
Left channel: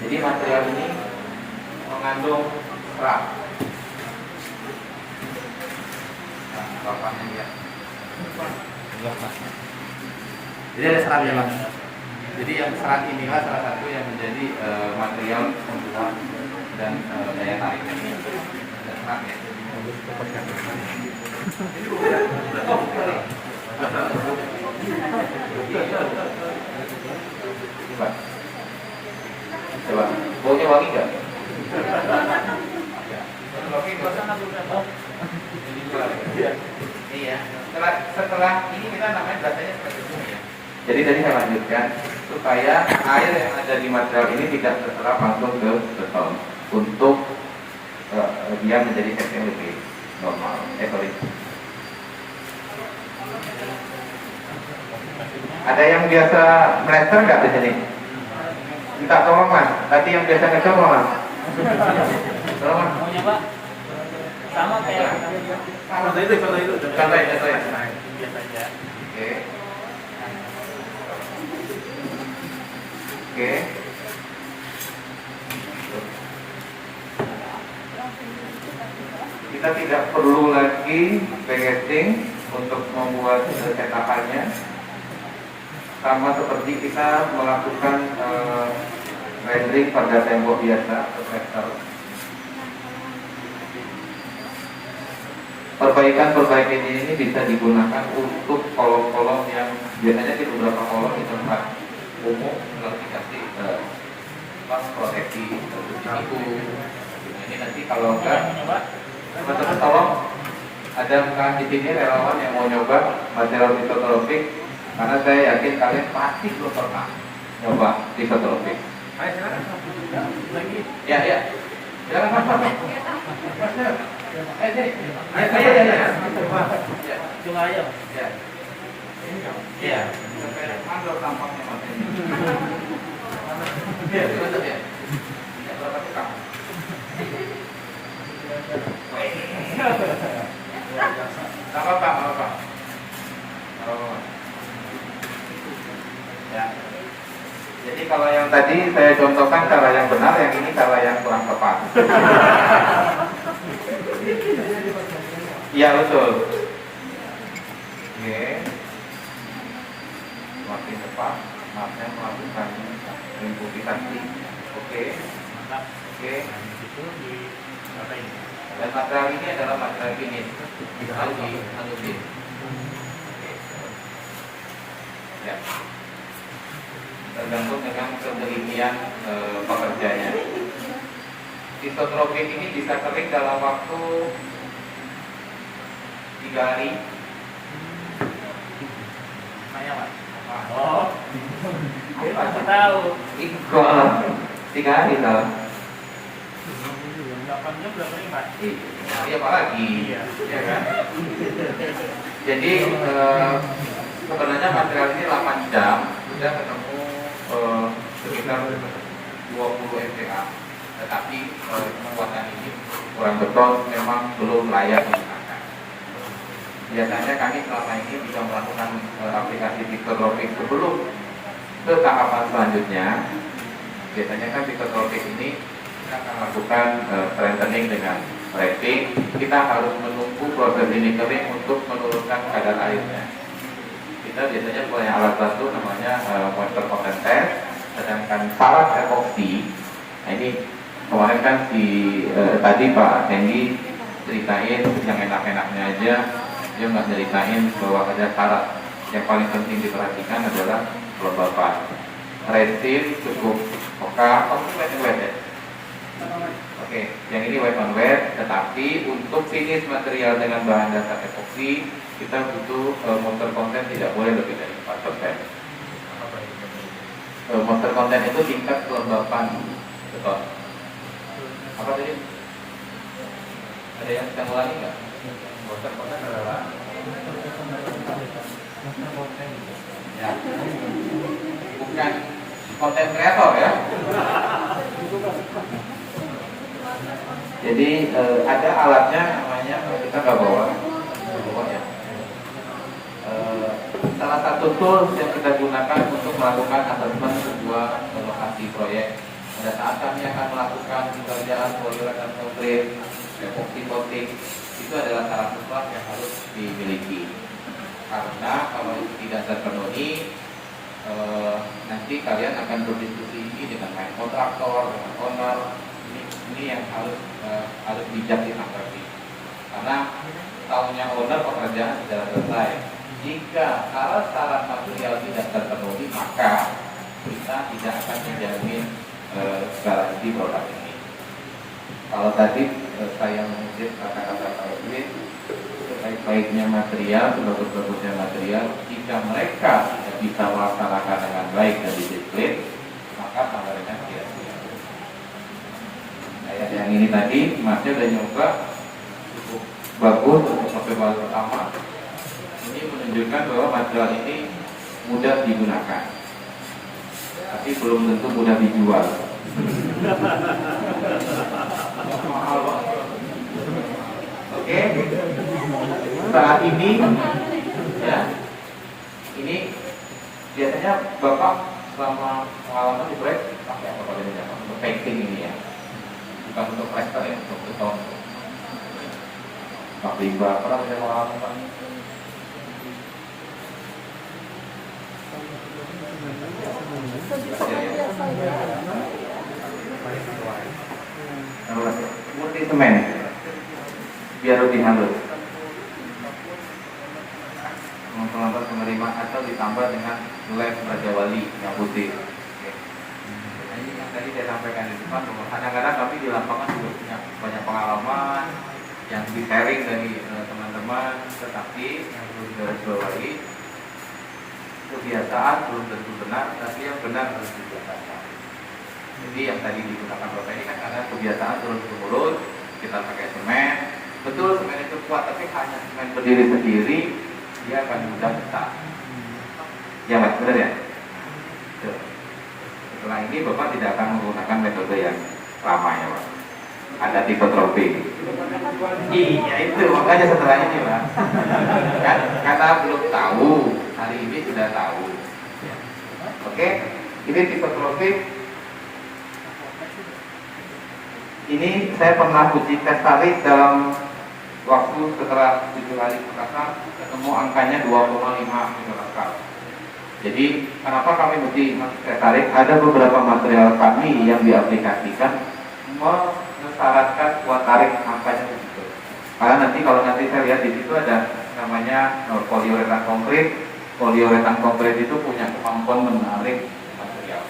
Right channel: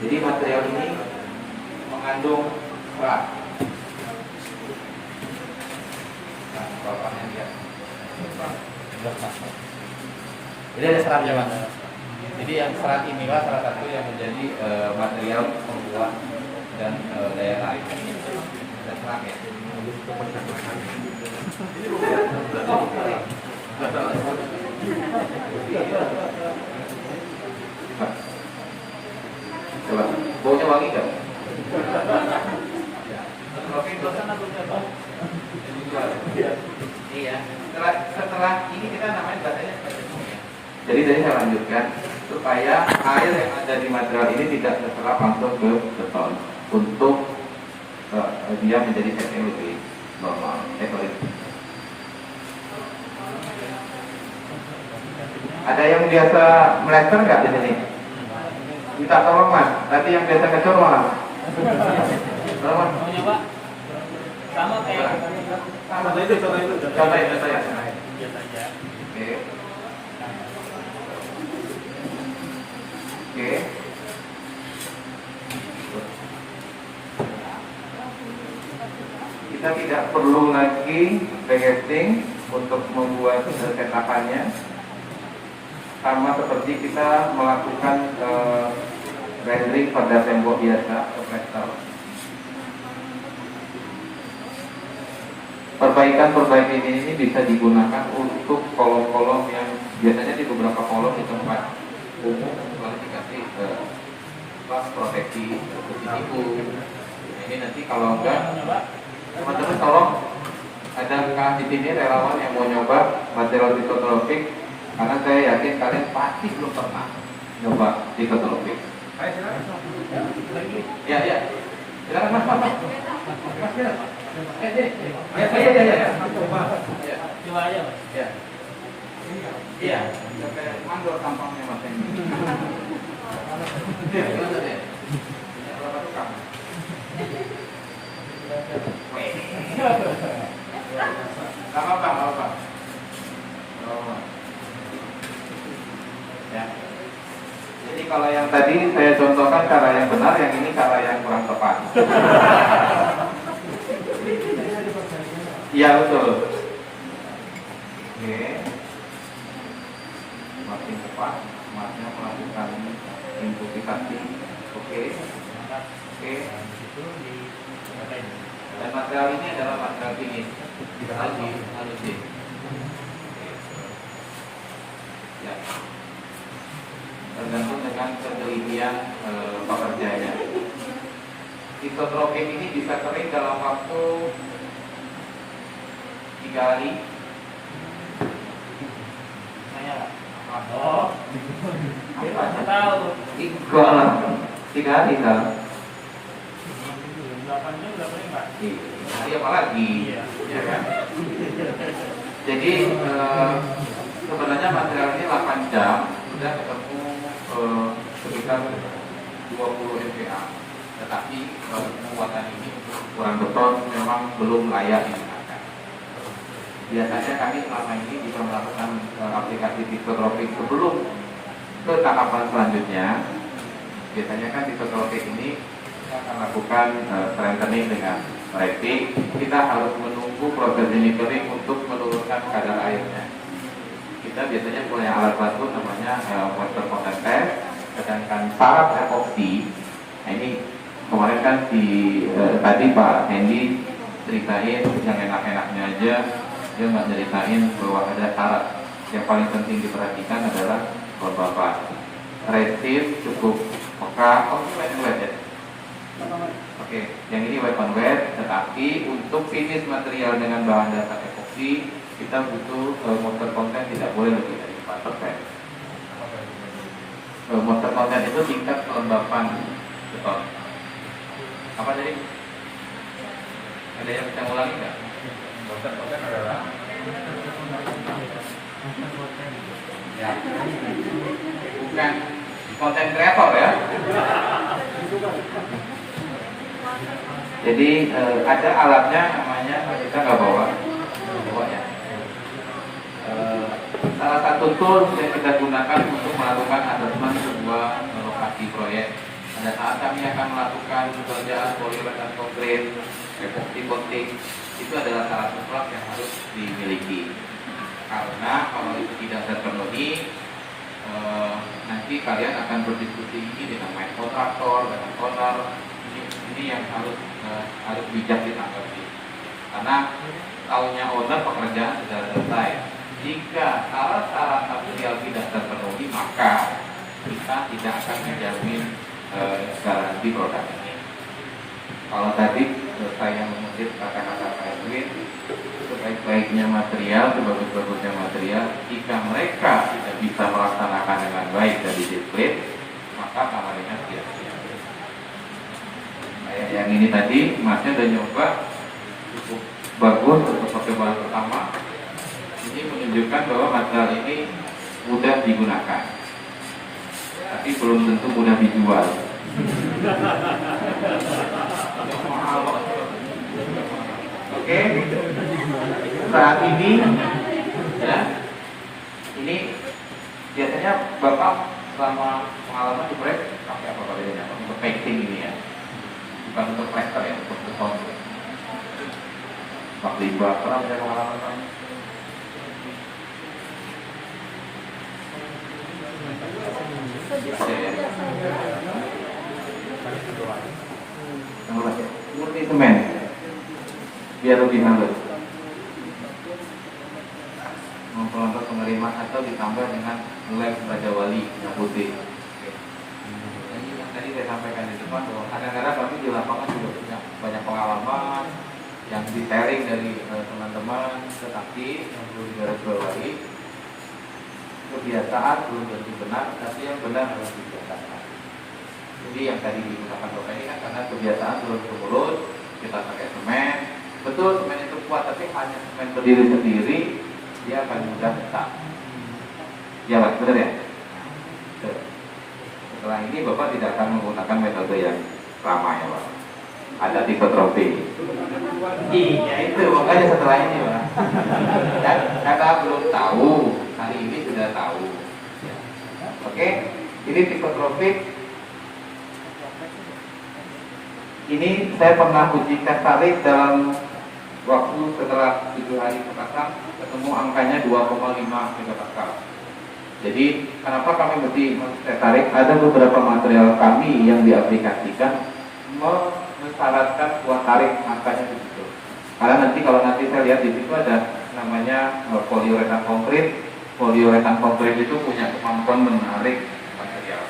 Jadi material ini mengandung serat. Bapaknya lihat. Jadi ada seratnya Pak. Jadi yang serat inilah salah satu yang menjadi material pembuat dan daya tarik. Ada serat ya. Coba, baunya wangi nggak? Iya. Setelah ini kita namanya bahasanya seperti itu ya. Jadi tadi saya lanjutkan supaya air yang ada di material ini tidak terserap langsung ke beton untuk dia menjadi setting lebih normal. Sorry. Ada yang biasa melester nggak di sini? Minta tolong Mas. Tadi yang biasa ngecor Mas. Tolong. Mau nyoba? Sama kayak Kata itu. biasa aja. Oke. Oke. Kita tidak perlu lagi packaging untuk membuat cetakannya. Sama seperti kita melakukan rendering pada tembok biasa atau vektor. Perbaikan ini bisa digunakan untuk kolom-kolom yang biasanya di beberapa kolom di tempat umum telah dikasih pas proteksi seperti itu. Ini nanti kalau enggak, teman-teman tolong ada bukan di sini relawan yang mau nyoba material psikotropik. Karena saya yakin kalian pasti belum pernah nyoba psikotropik. Ayo silakan. Ya. Jangan apa-apa. Coba aja. Ya. Iya. Ambil tampangnya Mas. Iya. Apa-apa. Ya. Jadi kalau yang tadi saya contohkan cara yang benar, yang ini cara yang kurang tepat. Iya betul. Oke. Makin tepat, maksudnya melakukan inputisasi. Oke. Mantap. Oke. Itu di apa ini? Dan material ini adalah material finish. Harus dihalusin. Oke. Ya. Tergantung dengan ketelitian pekerjanya. Psikotropik ini bisa kering dalam waktu 3 hari. Nanya Pak. Oh, dia pasti tahu. Dua alam, 3 hari kalau. 8 jam berapa nih Pak? Iya apa lagi? Iya. Ya kan? Jadi sebenarnya material ini 8 jam sudah ketemu sekitar 20 MPa. Tetapi muatan ini ukuran beton memang belum layak digunakan. Biasanya kami selama ini bisa melakukan aplikasi pictographic sebelum ke tahapan selanjutnya. Biasanya kan pictographic ini kita akan lakukan strengthening dengan rating. Kita harus menunggu proses ini kering untuk menurunkan kadar airnya. Kita biasanya punya alat bantu namanya water content test. Sedangkan syarat epoxy, nah ini kemarin kan tadi Pak Hendy ceritain yang enak-enaknya aja, dia nggak ceritain bahwa ada syarat yang paling penting diperhatikan adalah kelembapan. Resist cukup oka, wet ya. Oke, yang ini wet on wet, tetapi untuk finish material dengan bahan dasar epoxy kita butuh moisture content tidak boleh lebih dari 4%. Moisture content itu tingkat kelembapan beton. Apa tadi? Ada yang bisa ngulangi nggak? Moisture content adalah Ya, bukan konten kreator ya. Jadi ada alatnya namanya, kita nggak bawa ya. Salah satu tools yang kita gunakan untuk melakukan assessment sebuah lokasi proyek. Pada saat kami akan melakukan pekerjaan poliuret dan konkret, epoxy coating, itu adalah syarat mutlak yang harus dimiliki. Karena kalau itu tidak terpenuhi, nanti kalian akan berdiskusi ini dengan main kontraktor, dengan owner. Ini yang harus bijak ditanggapi. Karena tahunya owner pekerjaan sudah selesai. Jika syarat-syarat material tidak terpenuhi, maka kita tidak akan menjamin garansi produk ini. Kalau tadi saya mengutip kata-kata Pak Edwin, sebaik-baiknya material, sebagus-bagusnya material, jika mereka tidak bisa melaksanakan dengan baik dan disiplin, maka lainnya sia-sia. Kayak yang ini tadi, Masnya udah nyoba, cukup bagus untuk percobaan pertama. Ini menunjukkan bahwa material ini mudah digunakan, tapi belum tentu mudah dijual. Mahal banget. Oke, saat ini ya, ini biasanya Bapak selama pengalaman di proyek pakai apa kalau ini untuk packing ini ya, bukan untuk plaster ya, untuk beton. Pak Limba, pernah punya pengalaman Pak? Murni semen biar lebih halus. Pelontar penerimaan atau ditambah dengan lem Raja Wali yang putih. Oke. Nah, ini yang tadi saya sampaikan di depan bahwa kadang-kadang kami di lapangan juga punya banyak pengalaman yang di-sharing dari teman-teman, tetapi yang perlu digarisbawahi, kebiasaan belum tentu benar, tapi yang benar harus dibiasakan. Jadi yang tadi digunakan Bapak ini kan karena kebiasaan turun-temurun, kita pakai semen. Betul semen itu kuat, tapi hanya semen berdiri sendiri dia akan mudah retak. Ya Pak, benar ya? Nah, setelah ini Bapak tidak akan menggunakan metode yang lama ya Pak. Ada tipotropi. Iya itu makanya setelah ini Pak. Kata belum tahu, hari ini sudah tahu. Oke, ini tipotropi. Ini saya pernah uji tes tarik dalam waktu setelah 7 hari pertama ketemu angkanya 2,5 megapascal. Jadi kenapa kami mesti tes tarik? Ada beberapa material kami yang diaplikasikan mensyaratkan kuat tarik angkanya begitu. Karena kalau nanti saya lihat di situ ada namanya poliuretan konkret. Poliuretan konkret itu punya kemampuan menarik material.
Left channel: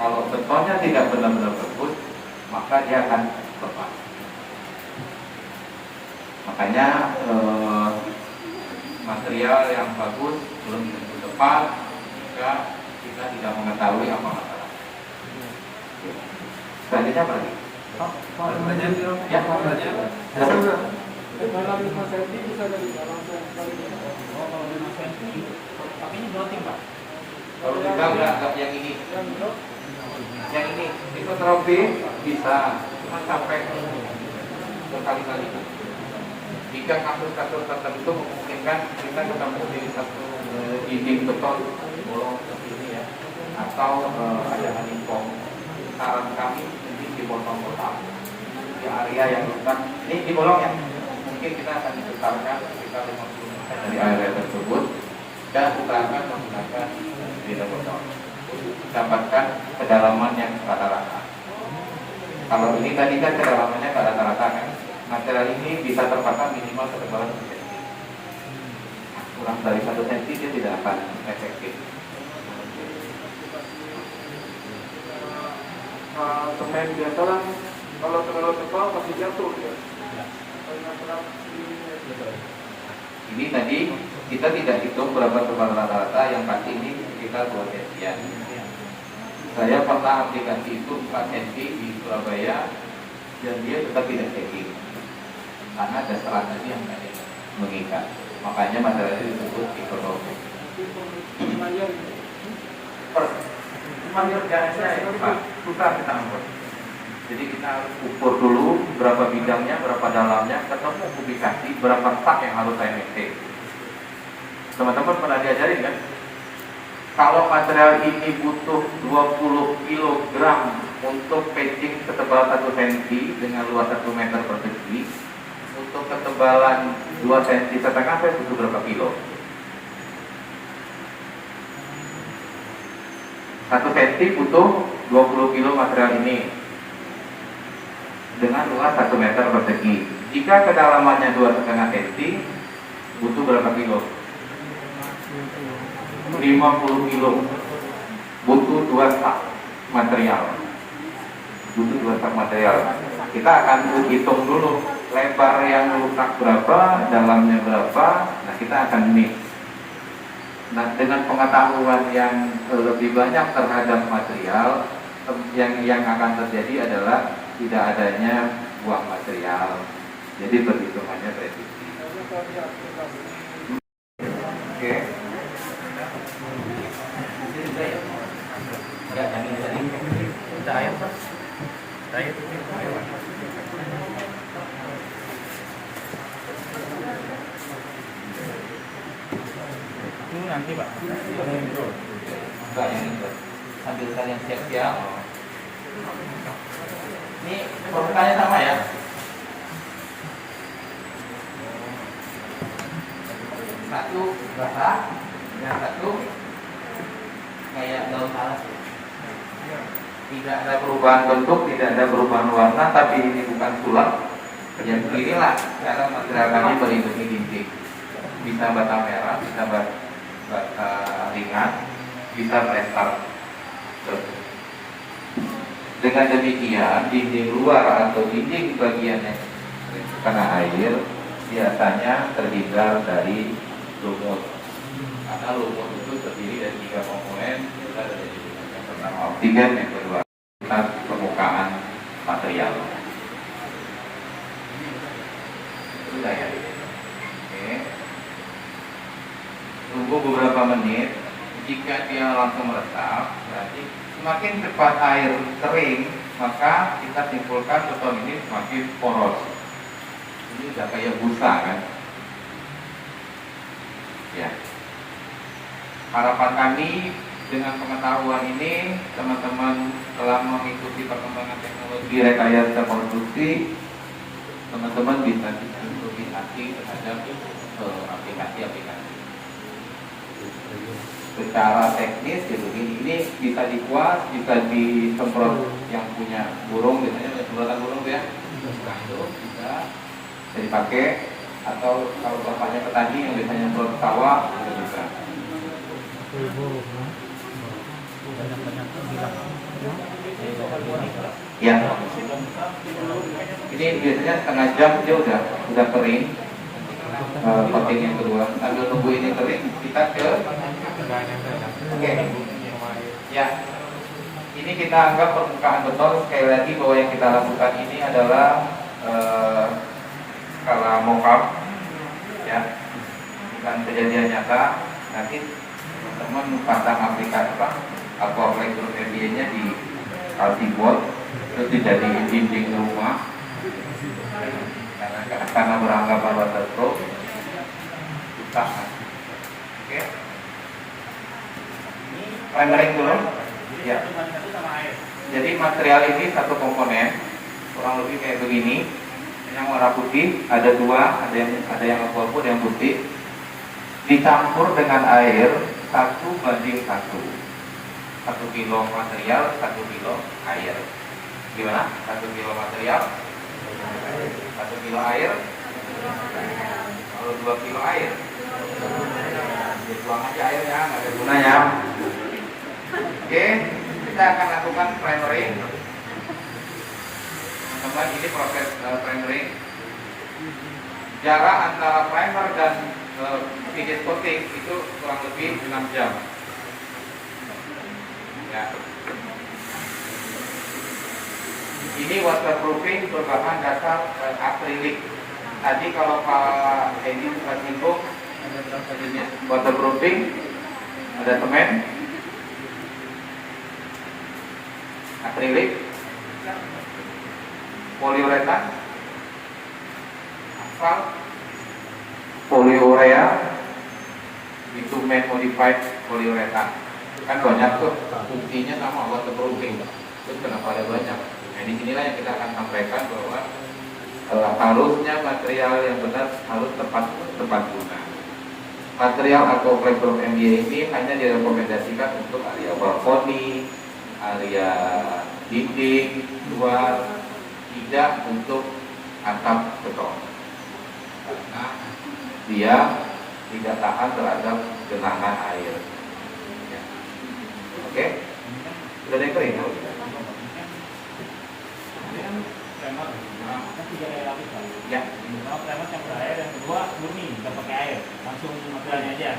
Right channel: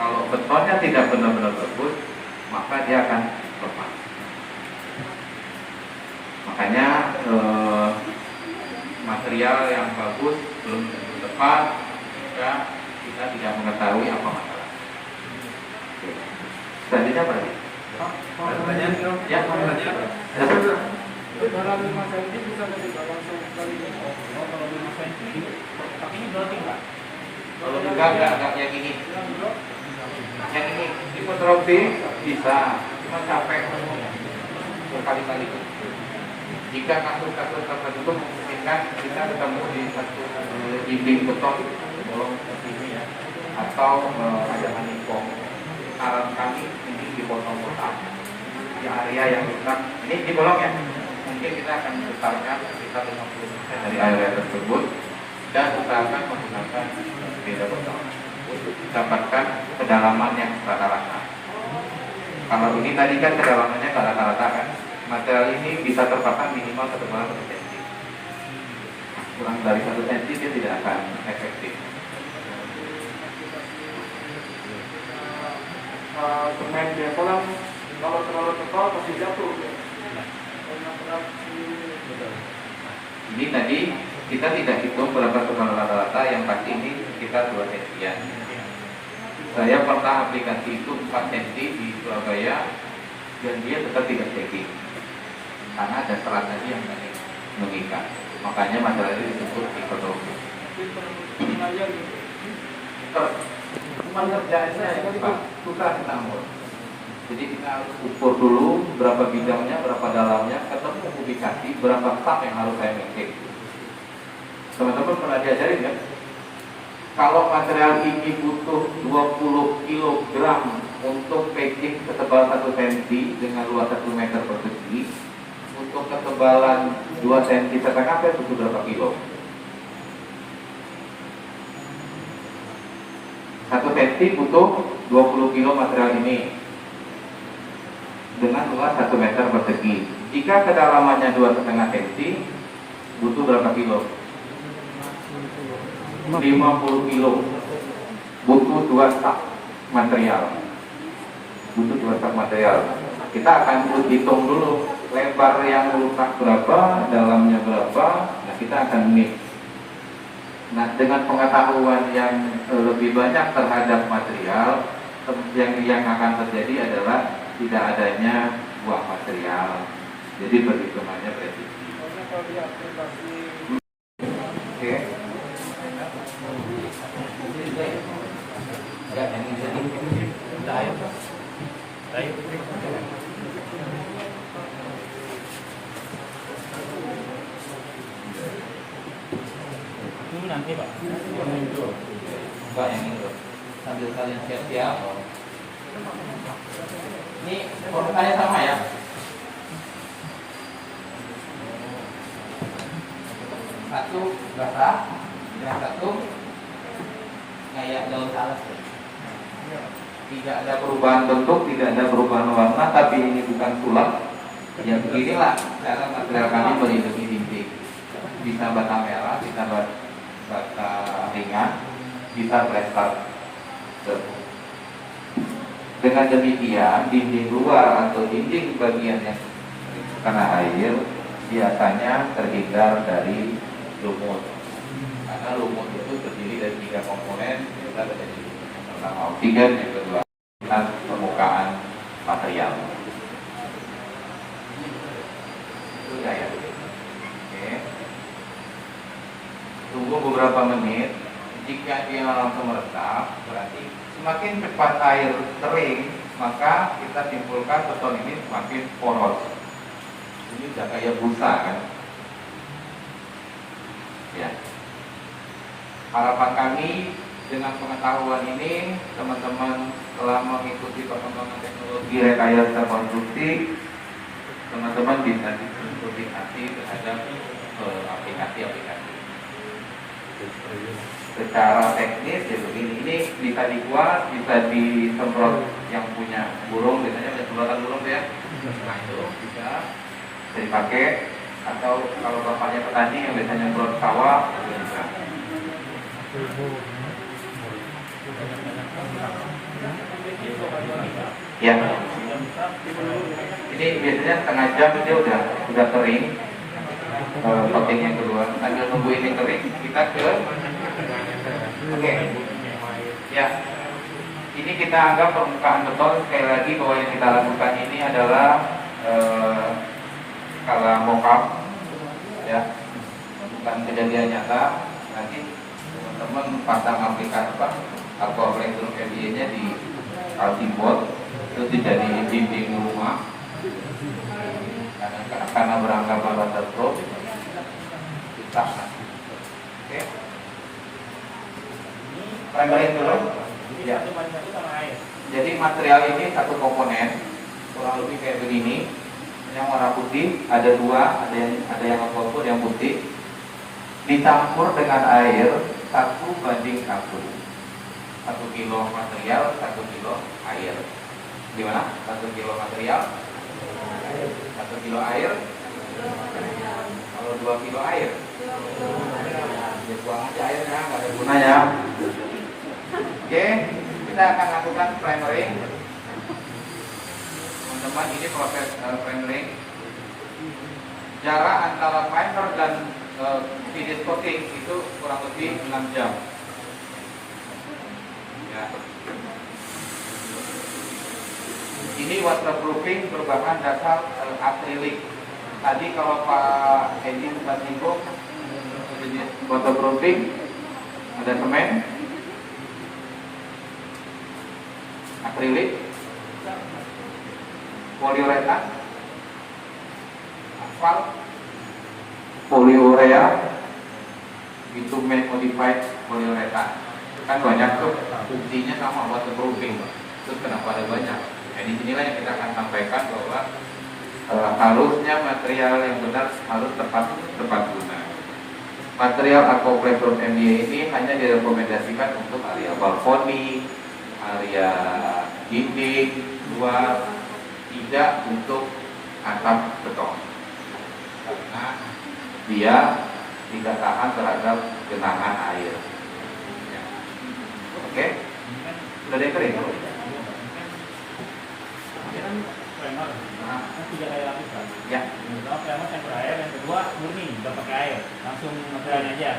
Kalau betonnya tidak benar-benar bagus, maka dia akan lepas. Makanya material yang bagus belum tentu tepat. Jika ketika kita tidak mengetahui apa masalah. Selanjutnya apa lagi? Pertanyaan Ya, dalam 5 cm bisa dari langsung kali ini. Kalau 5 cm, tapi ini dotting Pak. kalau juga enggak yang ini. Yang ini hipotrofi bisa sampai berkali-kali. Jika kasus-kasus tertentu memungkinkan kita ketemu di satu dinding beton bolong seperti ini ya, atau ada anipom. Saran kami ini dipotong-potong di area yang bukan ini di bolong ya. Mungkin kita akan besarkan sekitar 50% dari area tersebut dan usahakan menggunakan beda beton untuk mendapatkan kedalaman yang rata-rata. Kalau ini tadi kan kedalamannya nggak rata-rata kan, material ini bisa terpasang minimal ketebalan 1 cm. Kurang dari 1 cm dia tidak akan efektif. Semen biasa lah, kalau terlalu tebal pasti jatuh ya. Ini tadi kita tidak hitung berapa ketebalan rata-rata, yang pasti ini sekitar 2 cm. Saya pernah aplikasi itu 4 cm di Surabaya dan dia tetap tidak checking karena ada serat tadi yang tidak mengikat. Makanya masalah itu disebut hipotrofi. Pengerjaannya ya Pak, susah kita atur. Jadi kita harus ukur dulu berapa bidangnya, berapa dalamnya, ketemu kubikasi, berapa sak yang harus saya maintain. Teman-teman pernah diajarin kan? Kalau material ini butuh 20 kg untuk pacing ketebalan 1 cm dengan luas 1 meter persegi, untuk ketebalan 2 cm setengah saya butuh berapa kilo? 1 cm butuh 20 kilo material ini dengan luas 1 meter persegi. Jika kedalamannya 2,5 cm, butuh berapa kilo? 50 kilo. Butuh 2 sak material. Butuh 2 sak material. Kita akan hitung dulu lebar yang rusak berapa, dalamnya berapa. Nah, kita akan mix. Nah, dengan pengetahuan yang lebih banyak terhadap material, yang akan terjadi adalah tidak adanya buang material. Jadi perhitungannya presisi. Oke. Enggak, yang ini udah ayo Pak. Ayo. Itu nanti Pak. Enggak, yang ini Pak. Sambil kalian cek ya. Ini formulanya sama ya. Satu basah, yang satu kayak daun salas. Tidak ada perubahan bentuk, tidak ada perubahan warna, tapi ini bukan sulap. Yang inilah cara material kami melindungi dinding. Bisa bata merah, bisa bata ringan, bisa plaster. Dengan demikian, dinding luar atau dinding bagian yang kena air biasanya terhindar dari lumut. Karena lumut itu terdiri dari 3 komponen. Kita ada dari yang pertama oksigen, yang kedua permukaan material. Sudah ya. Oke. Tunggu beberapa menit. Jika dia langsung meresap, berarti semakin cepat air kering, maka kita simpulkan beton ini semakin poros. Ini sudah kayak busa kan? Ya. Harapan kami dengan pengetahuan ini, teman-teman telah mengikuti perkembangan teknologi rekayasa konstruksi, teman-teman bisa dikonsultasi terhadap aplikasi-aplikasi. Secara teknis ya begini, ini bisa dikuas, bisa disemprot yang punya burung, biasanya ada semprotan burung ya, langsung bisa dipakai, atau kalau bapaknya petani yang biasanya semprot sawah itu bisa. Ya, ini biasanya setengah jam dia udah kering. Coating yang kedua, sambil nunggu ini kering, kita ke Oke. Ya. Ini kita anggap permukaan beton. Sekali lagi bahwa yang kita lakukan ini adalah skala mock-up, ya, bukan kejadian nyata. Nanti teman-teman pasang aplikasi atau Blackroom MBA-nya di Altiboard, itu dijadiin dinding rumah karena beranggapan waterproof kita. Oke. Primering dulu. Ya. Jadi material ini satu komponen kurang lebih kayak begini. Yang warna putih ada dua, ada yang purple, ada yang putih. Dicampur dengan air 1:1. 1 kilo material, 1 kilo air. Gimana? 1 kilo material, 1 kilo air. Kalau 2 kilo air, ya buang aja airnya, nggak ada gunanya. Oke, kita akan lakukan primering. Teman-teman, ini proses primering. Jarak antara primer dan finish coating itu kurang lebih 6 jam. Ya. Ini waterproofing berbahan dasar akrilik. Tadi kalau Pak Edi sempat singgung, waterproofing ada semen, akrilik, poliuretan, aspal, poliurea, bitumen modified poliuretan. Kan banyak tuh fungsinya sama waterproofing. Terus kenapa ada banyak? Nah, di sinilah yang kita akan sampaikan bahwa harusnya material yang benar harus tepat guna. Material atau Blackroom MBA ini hanya direkomendasikan untuk area balkoni, area dinding, luar, tidak untuk atap beton. Karena dia tidak tahan terhadap genangan air. Oke? Sudah dekering? Primer, kan 3 kali lapisan. Ya. Yang pertama primer campur air, yang kedua murni, nggak pakai air, langsung materialnya aja.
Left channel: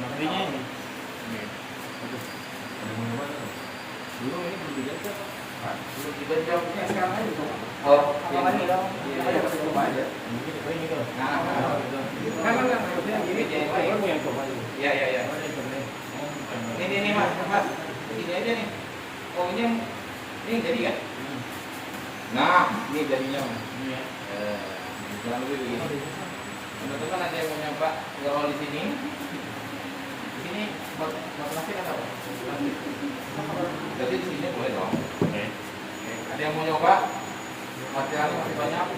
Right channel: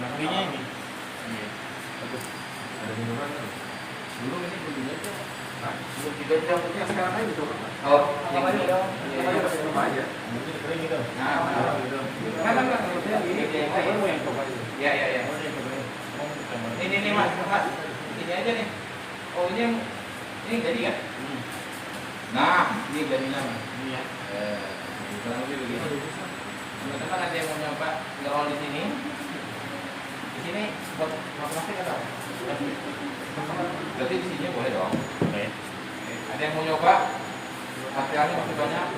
Materialnya ini. Ada minuman? Dulu ini belum diganti apa? Belum diganti, yang sekarang aja coba. Oh, Apa aja dong? Apa aja pasti coba aja. Mungkin kering gitu. Nah, enggak, maksudnya ini Kamu yang coba itu. iya. Ini mas, ini aja nih. Oh ini jadi kan? Nah, ini jadinya mas. Ini ya. Kurang lebih begini. Teman-teman ada yang mau nyoba ngerol di sini? Di sini buat plastik atau? Berarti di sini boleh dong. Boleh. Ada yang mau nyoba? Materialnya masih banyak.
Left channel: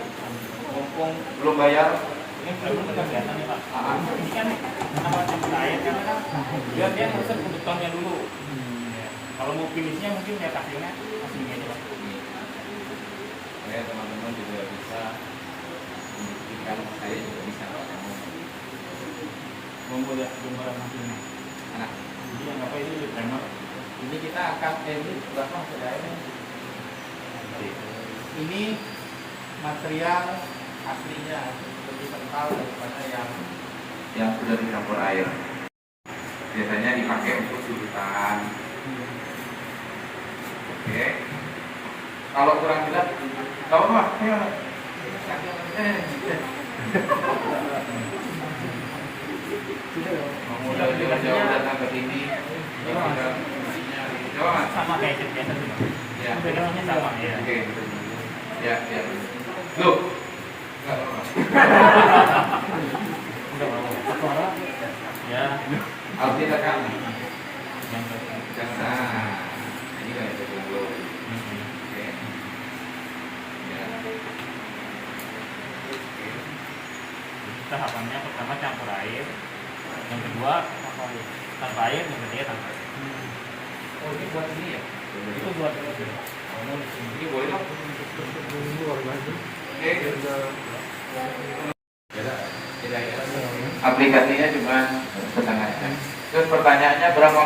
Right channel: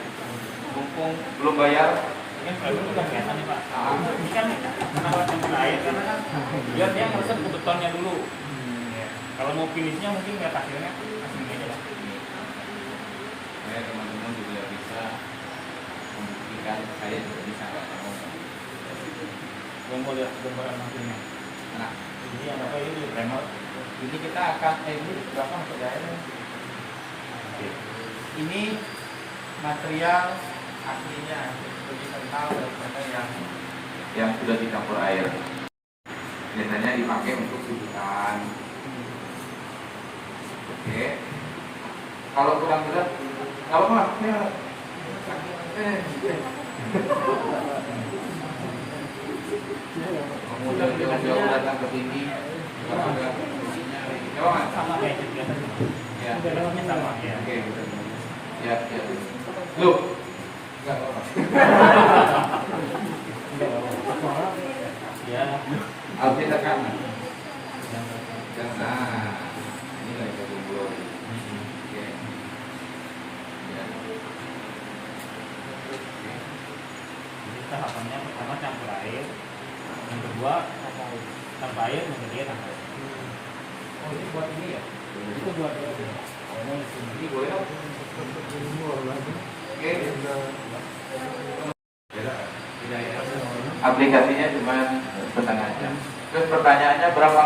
Mumpung belum bayar. Ini primer udah kelihatan nih Pak. Ini kan kenapa campur air karena kan biar dia ngeresep ke betonnya dulu. Ya. Kalau mau finishnya mungkin ya hasilnya aslinya aja Pak. Ya teman-teman juga bisa membuktikan saya juga bisa nggak kamu. Gua mau lihat gambaran hasilnya. Nah, Jadi yang apa ini di primer. ini kita akan ini berapa saudara? Ini material aslinya lebih kental daripada yang sudah dicampur air. Biasanya dipakai untuk sudutan. Oke. Kalau kurang jelas, kalau mas, ya. Udah jauh datang ke sini. Sama kayak cat biasa sih Pak. Ya. Bedanya sama ya. Oke. Ya. Loh. Enggak apa-apa. Udah apa? Ya. Harus ditekan. Yang Nah, ini kan yang dulu. Oke. Ya. tahapannya pertama campur air, yang kedua tanpa air, yang ketiga tanpa air. Oh ini buat ini ya? Itu buat Ini boleh dong? Oke. Tidak ya. Aplikasinya cuma setengah jam. Terus pertanyaannya berapa?